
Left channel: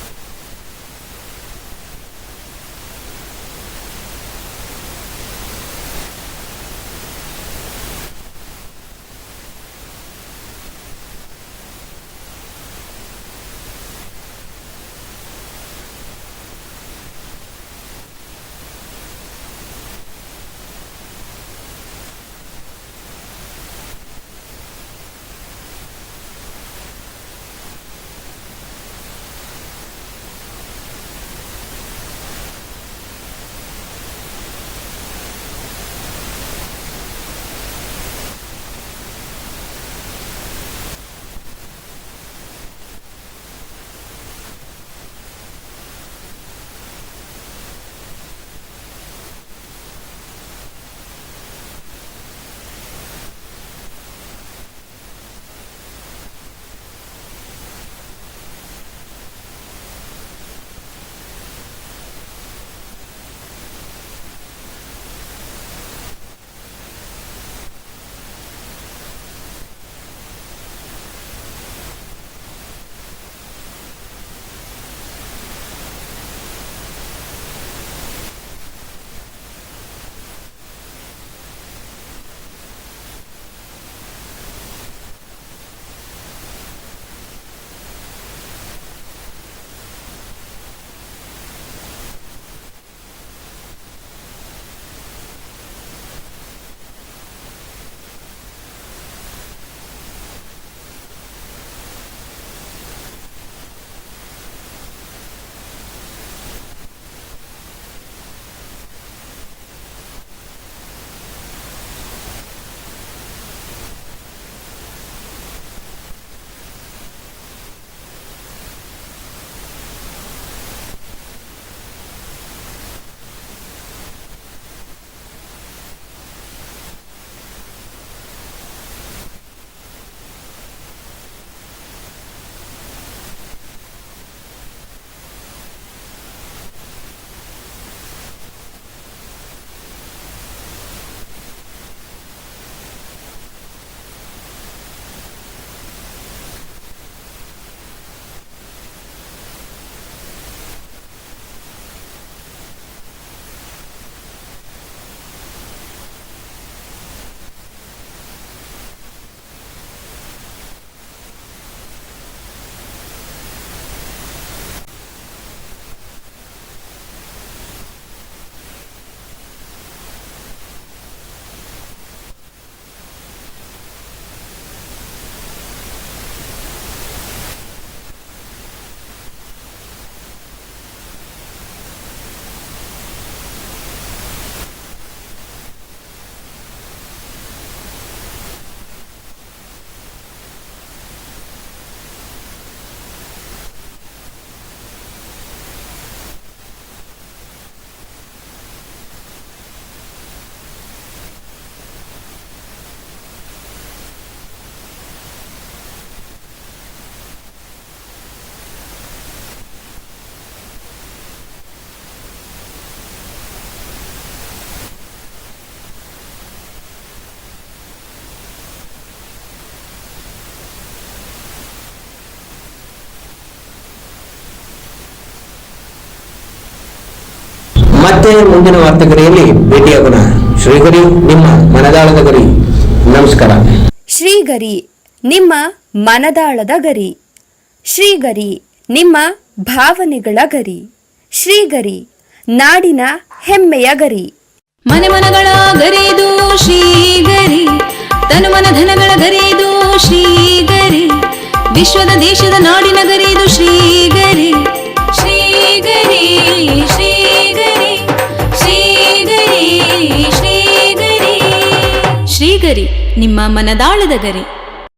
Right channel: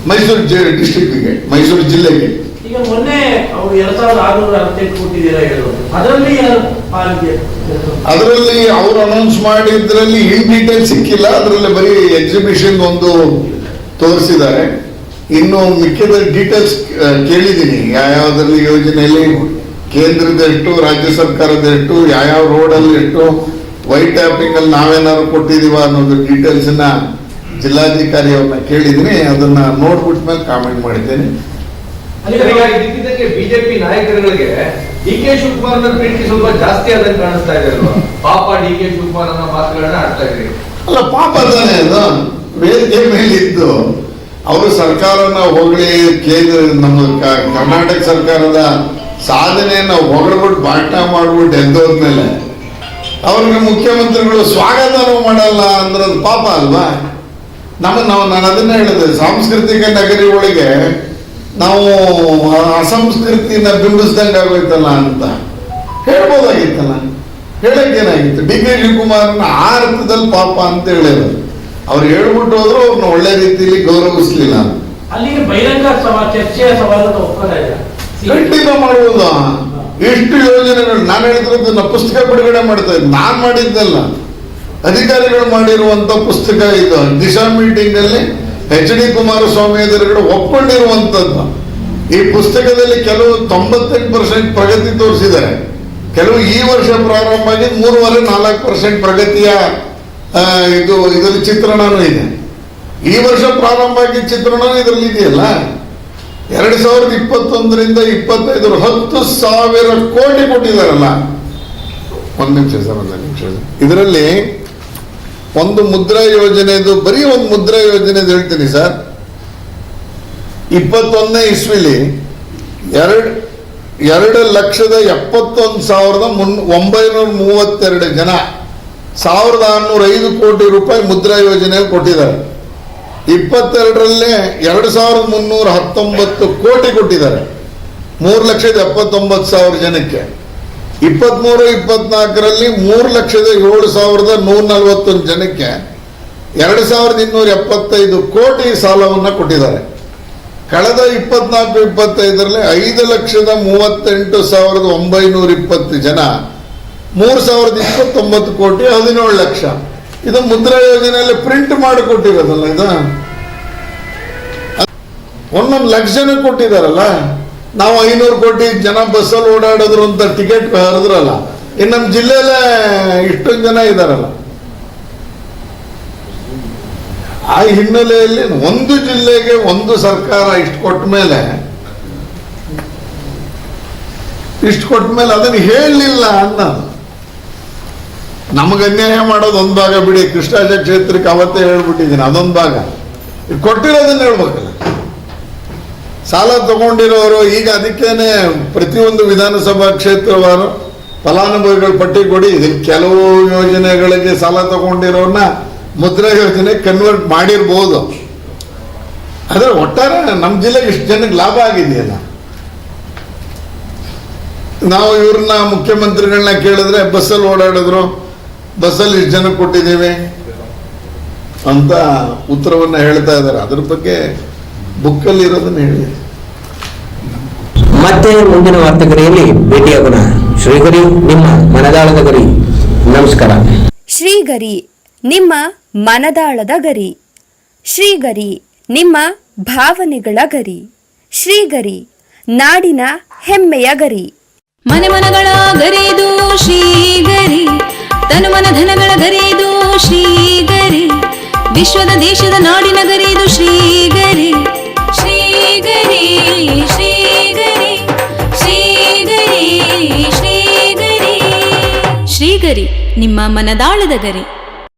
ಮೈಸೂರು ಡಿಸ್ಟಿಕ್ಗೆ, ಮೈಸೂರು ಜಿಲ್ಲೆಗೆ. ಈಗ ಮೊನ್ನೆ ಅವರು 2,668 ಕೋಟಿ ಅದರಲ್ಲಿ ಅವರು ಅನೌನ್ಸ್ ಮಾಡಿದ್ರಲ್ಲಿ ಇನ್ ಡೀಟೇಲ್ ಸಿಕ್ಕಿಲ್ಲ. ಅದರಲ್ಲಿ ಬರೀ ಎಕ್ಸಿಬಿಷನ್ ಒಂದು ತೋರಿಸಿದ್ದಾರೆ. ಇನ್ನು ಮಿಕ್ಕಿದ ಡೀಟೇಲ್ಸ್ ಕೇಳಿದ್ದೀನಿ, ಯಾವ್ಯಾವ್ದ್ರಲ್ಲಿ ಯೋಜನೆಯಲ್ಲಿ ಕೇಂದ್ರದ ಎಷ್ಟು, ರಾಜ್ಯ ಸರ್ಕಾರದ ಎಷ್ಟು, ಯಾವ ರೋಡಲ್ಲಿ ಎಷ್ಟು, ವೈಟ್ ಟ್ಯಾಪಿಂಗ್ ಅಲ್ಲಿ ನಾವೇನಾದ್ರು ಕೊಟ್ಟಿದೀವ ಅನ್ನೋದು ಡೀಟೇಲ್ಸ್ ಜಿಲ್ಲಾಧಿಕಾರಿ ಅವ್ರನ್ನ ಕೇಳಿದ್ದೀನಿ. ಅದನ್ನ ನೋಡ್ಬಿಟ್ಟ ಮೇಲೆ ಕಾಮೆಂಟ್ ಮಾಡಿದ್ದೇನೆ. ಬಿಜೆಪಿ ನಾಯಕರುಗಳಿಗೆ ಡಿ.ಕೆ. ಶಿವಕುಮಾರ್ ಪ್ರೀತಿ ಸ್ವಲ್ಪ ಜಾಸ್ತಿ ಆದಂಗೆ ಕಾಣಿಸ್ತಾ ಇದೆ ಅಲ್ವಾ? ಪಾಪ ಡಿ.ಕೆ. ಶಿವಕುಮಾರ್ ಅನ್ನೋ ಮಾತುಗಳನ್ನ ಆಡ್ತಾ ಇದ್ರಿ. ಅಲ್ಲ, ಪಾಪ ತಾನೇ ಅದು. ವೇದಿಕೆ ಮೇಲಿದ್ದು ಅವರು ಸರ್ಕಾರನ ಹೊಗಳಿ, ಕೇಂದ್ರ ನಮ್ಮ ಕರ್ನಾಟಕ ಸರ್ಕಾರದ ಸಾಧನೆಯನ್ನ ಹೊಗಳ್ಬಿಟ್ಟು ಭಾಷಣ ಮಾಡ್ಬಿಟ್ಟು ಎದ್ದೋದ್ಮೇಲೆ ಅವ್ರಿಗೆ ಮುಖ್ಯಮಂತ್ರಿಗಳು ಸ್ವಾಗತನೂ ಮಾಡಲ್ಲ ಅಂದ್ರೆ ಅದು ಪಾಪ ಅಲ್ವಾ? ನಾನು ಅದನ್ನ ಹೇಳಿದೆ, ಸಾಂಸ್ಕೃತಿಕ ನಗರಿ ಒಳಗೆ ನಾವು ಅಸಂಸ್ಕೃತಿನ ಬಿಂಬಿಸ್ದಂಗೆ ಆಗೋಯ್ತಲ್ಲ ಅಂತ ಹೇಳ್ಬೋದಾಗಿತ್ತಲ್ಲ. ಹೇಳಕ್ಕೇನಾಗಿತ್ತು? ಡಿ.ಕೆ. ಶಿವಕುಮಾರ್ನ ಆ ಅರ್ಥದಲ್ಲಿ ಪಾಪ ಅಂತ ಹೇಳಿದ್ರು. ಅವ್ರು ಹೇಳ್ಬಿಟ್ಟು ಹೋದ್ರು, ಅವ್ರನ್ನ ಒಳ್ಳೆ ರೀತಿಯಲ್ಲಿ ಗೌರವಿಸ್ಲಿಲ್ಲ. ಅಲ್ಲಿಗೆ ಬಹಿರಂಗ ಚರ್ಚೆಯ ಸವಾಲನ್ನು ಒಪ್ಪಂದ ಇದೆ. ಖಂಡಿತ ಮಾಡುವುದು. ಎಷ್ಟು ಯೋಜನೆಗಳು ನಾನು ಹೇಳಿದ್ರದ್ದು ಪುಸ್ತಕ ಬಿಡುಗಡೆ ಮಾಡ್ತಾ ಇದ್ದೆ. ನಾನ್ ಮಾಡಿದ್ದಲ್ಲ, ಅಧಿಕಾರಿಗಳು ಮಾಡಿರುವಂತ ಪುಸ್ತಕ ಇದು. ದಿಶಾ ಮೀಟಿಂಗ್ ಅಲ್ಲಿ ಎಚ್.ಡಿ. ಕುಮಾರಸ್ವಾಮಿ ಎದುರುಗಡೆ ಒಪ್ಕೊಂಡಿರುವಂತದ್ದು. ಈ ಪುಸ್ತಕದಲ್ಲಿ ಕೆಲವು 98% ಪ್ರಗತಿ ತೋರಿಸಿದ್ದಾರೆ. ಕೆಲವು ಈ ವರ್ಷ ಪ್ರಾರಂಭ ಆಗಿ 3.5-4% ಪ್ರಗತಿಯ ಇದರಲ್ಲಿ ಚಿತ್ರಣನೂ ಇದೆ. ಈ ವರ್ಷ ಪ್ರಾರಂಭ ಆಗಿ ಚಿತ್ರಣ ಇದರಲ್ಲಿ ಇದೆಯಲ್ಲ. 2021ರಿಂದ 25 10,000 ಕೋಟಿ ಕೊಟ್ಟಿದ್ದಾರಲ್ಲ. ಒಂದು ನಿಮಿಷ ಸರ್, ಒಂದು ನಿಮಿಷ. ಇದರಲ್ಲಿ ಒಂದು ಮುದ್ರಾ ಯೋಜನೆದು, ಬರೀ ಒಂದು ಮುದ್ರಾ ಯೋಜನೆದು ಹೇಳ್ತೀನಿ ಸರ್. 21ನೇ ಇಸ್ವಿಲಿ 2,71,932 ಜನ 1,605 ಕೋಟಿ ರೂಪಾಯಿ ಮುದ್ರಾ ಯೋಜನೆಯಲ್ಲಿ ಕೊಟ್ಟಿದ್ದಾರೆ. 22ರಲ್ಲೇ 2,319 ಕೋಟಿ ಕೊಟ್ಟಿದ್ದಾರೆ 3,79,000 ಜನಕ್ಕೆ. 23-24ರಲ್ಲಿ 3,07,141 ಜನಕ್ಕೆ 2,275 ಕೋಟಿ ಸಾಲವನ್ನು ಕೊಟ್ಟಿದ್ದಾರೆ. ಕಳೆದ 24-25ರಲ್ಲಿ 5,38,920 ಜನ 3,029 ಕೋಟಿ 17 ಲಕ್ಷ. ಇದು ಮುದ್ರಾ ಯೋಜನೆಯಲ್ಲಿ ಪ್ರಿಂಟ್ ಮಾಡಿ ಕೊಟ್ಟಿರೋದಲ್ಲ. ಇದು 1 ಲಕ್ಷ ಜನ ಕೊಟ್ಟಿದಾರಲ್ಲ. ನಾವು 500 ಕೋಟಿ ಜನ ಬಸ್ಸಲ್ಲಿ ಓಡಾಡಿದ್ರು ಅಂತ ಟಿಕೆಟ್ ಹರಿದ್ರಲ್ಲ. ಇನ್ನು ನಮ್ಮ ಜಿಲ್ಲೆಯಲ್ಲೇ ಇಷ್ಟೊಂದು ಜನ ಇದಾರಲ್ಲ. ಆ ಹಿನ್ನೆಲೆಯಲ್ಲಿ ಒಂದು ಜಿಲ್ಲೆಗೆ ಒಂದು ಸರ್ಕಾರ ಇಷ್ಟು ಕೊಟ್ಟ ಮೇಲೆ ಅದನ್ನು ಹೇಳಲಿಲ್ಲ ಅನ್ನೋದು. ನಮಗೆ ಅನ್ಯಾಯ ಮಾಡೋದು ಒಂದು ಭಾಗ ಬಿಡಿ, ಕೃಷ್ಣರಾಜ ಕ್ಷೇತ್ರಕ್ಕೆ ಅವತ್ತೇ ಹೇಳ್ಬಿಟ್ಟಿದ್ದೀನಿ, ಅದೊಂದು ಭಾಗ. ಕೊಟ್ಟಿರೋದನ್ನ ಹೇಳ್ಬೇಕಲ್ಲ. ಸಾಲ ತಗೊಂಡಿರೋರು ಈಗ ಅದಕ್ಕೇನೆ ಪ್ರತಿಯೊಂದು ವಿಧಾನಸಭಾ ಕ್ಷೇತ್ರವಾರು ಫಲಾನುಭವಿಗಳ ಪಟ್ಟಿ ಕೊಡಿ. ಇದಕ್ಕೆ ಕೆಲವು ಯೋಜನೆಗಳಿಗೆ ಸಾಲ ತಗೊಂಡಿರೋನ್ನ ಮುದ್ರಾ ಯೋಜನೆ ಕನ್ವರ್ಟ್ ಮಾಡಿರ್ಬೋದು. ಆದರೆ ಒಟ್ಟಾರೆ ನಮ್ಮ ಜಿಲ್ಲೆಗೆ ಇಷ್ಟು ಜನಕ್ಕೆ ಲಾಭ ಆಗಿದೆಯಲ್ಲ. ನಾವು ಇವ್ರನ್ನ ಮುಖ್ಯಮಂತ್ರಿಗಳನ್ನ ಕೇಳಿದ್ರೆ ಬಸ್ಸಲ್ಲಿ ಓಡಾಡಿದ್ರು, ಬಸ್ಸಲ್ಲಿ ಇಷ್ಟು ಜನಕ್ಕೆ ಕೊಟ್ಟಿದ್ದೀವಿ ಅಂತ ಉತ್ತರವನ್ನ ಹೇಳ್ತಾ ಇದ್ದಾರೆ. ಅದ್ರ ಬಗ್ಗೆ ಬುಕ್ಕಲ್ಲಿ ಇರೋದನ್ನ ಹೇಳಿ. ಮತ್ತೆ ಮುಂದಿನ ವಾರ್ತೆಗರಿಯಲ್ಲಿ ಭೇಟಿಯಾಗೋಣ. ಶ್ರೀಗರಿ, ನಿಮ್ಮ ಮನದಾಳದ ಗರಿ. ನಮಸ್ಕಾರ. ಶ್ರೀಗರಿ, ನಿಮ್ಮ ಮನದಾಳದ ಗರಿ. ಶ್ರೀಗರಿ, ನಿಮ್ಮ ಭಾವನೆಗಳ ಗರಿ. ಶ್ರೀಗರಿ, ನಾಡಿನ ಹೆಮ್ಮೆಯ ಗರಿ. ಮನೆ ಮನಗಳ ಗರಿದು ಶ್ರೀಗರಿ, ತನು ಮನ ಧನಗಳ ಗರಿದು ಶ್ರೀಗರಿ, ವಿಶ್ವದ ದೇಶದ ನಾಡಿನ ಗರಿದು ಶ್ರೀಗರಿ. ಶ್ರೀಗರಿ ಶ್ರೀಗರಿ ಶ್ರೀಗರಿ ಶ್ರೀಗರಿ ಶ್ರೀಗರಿ, ನಿಮ್ಮ ಮನದಾಳದ ಗರಿ.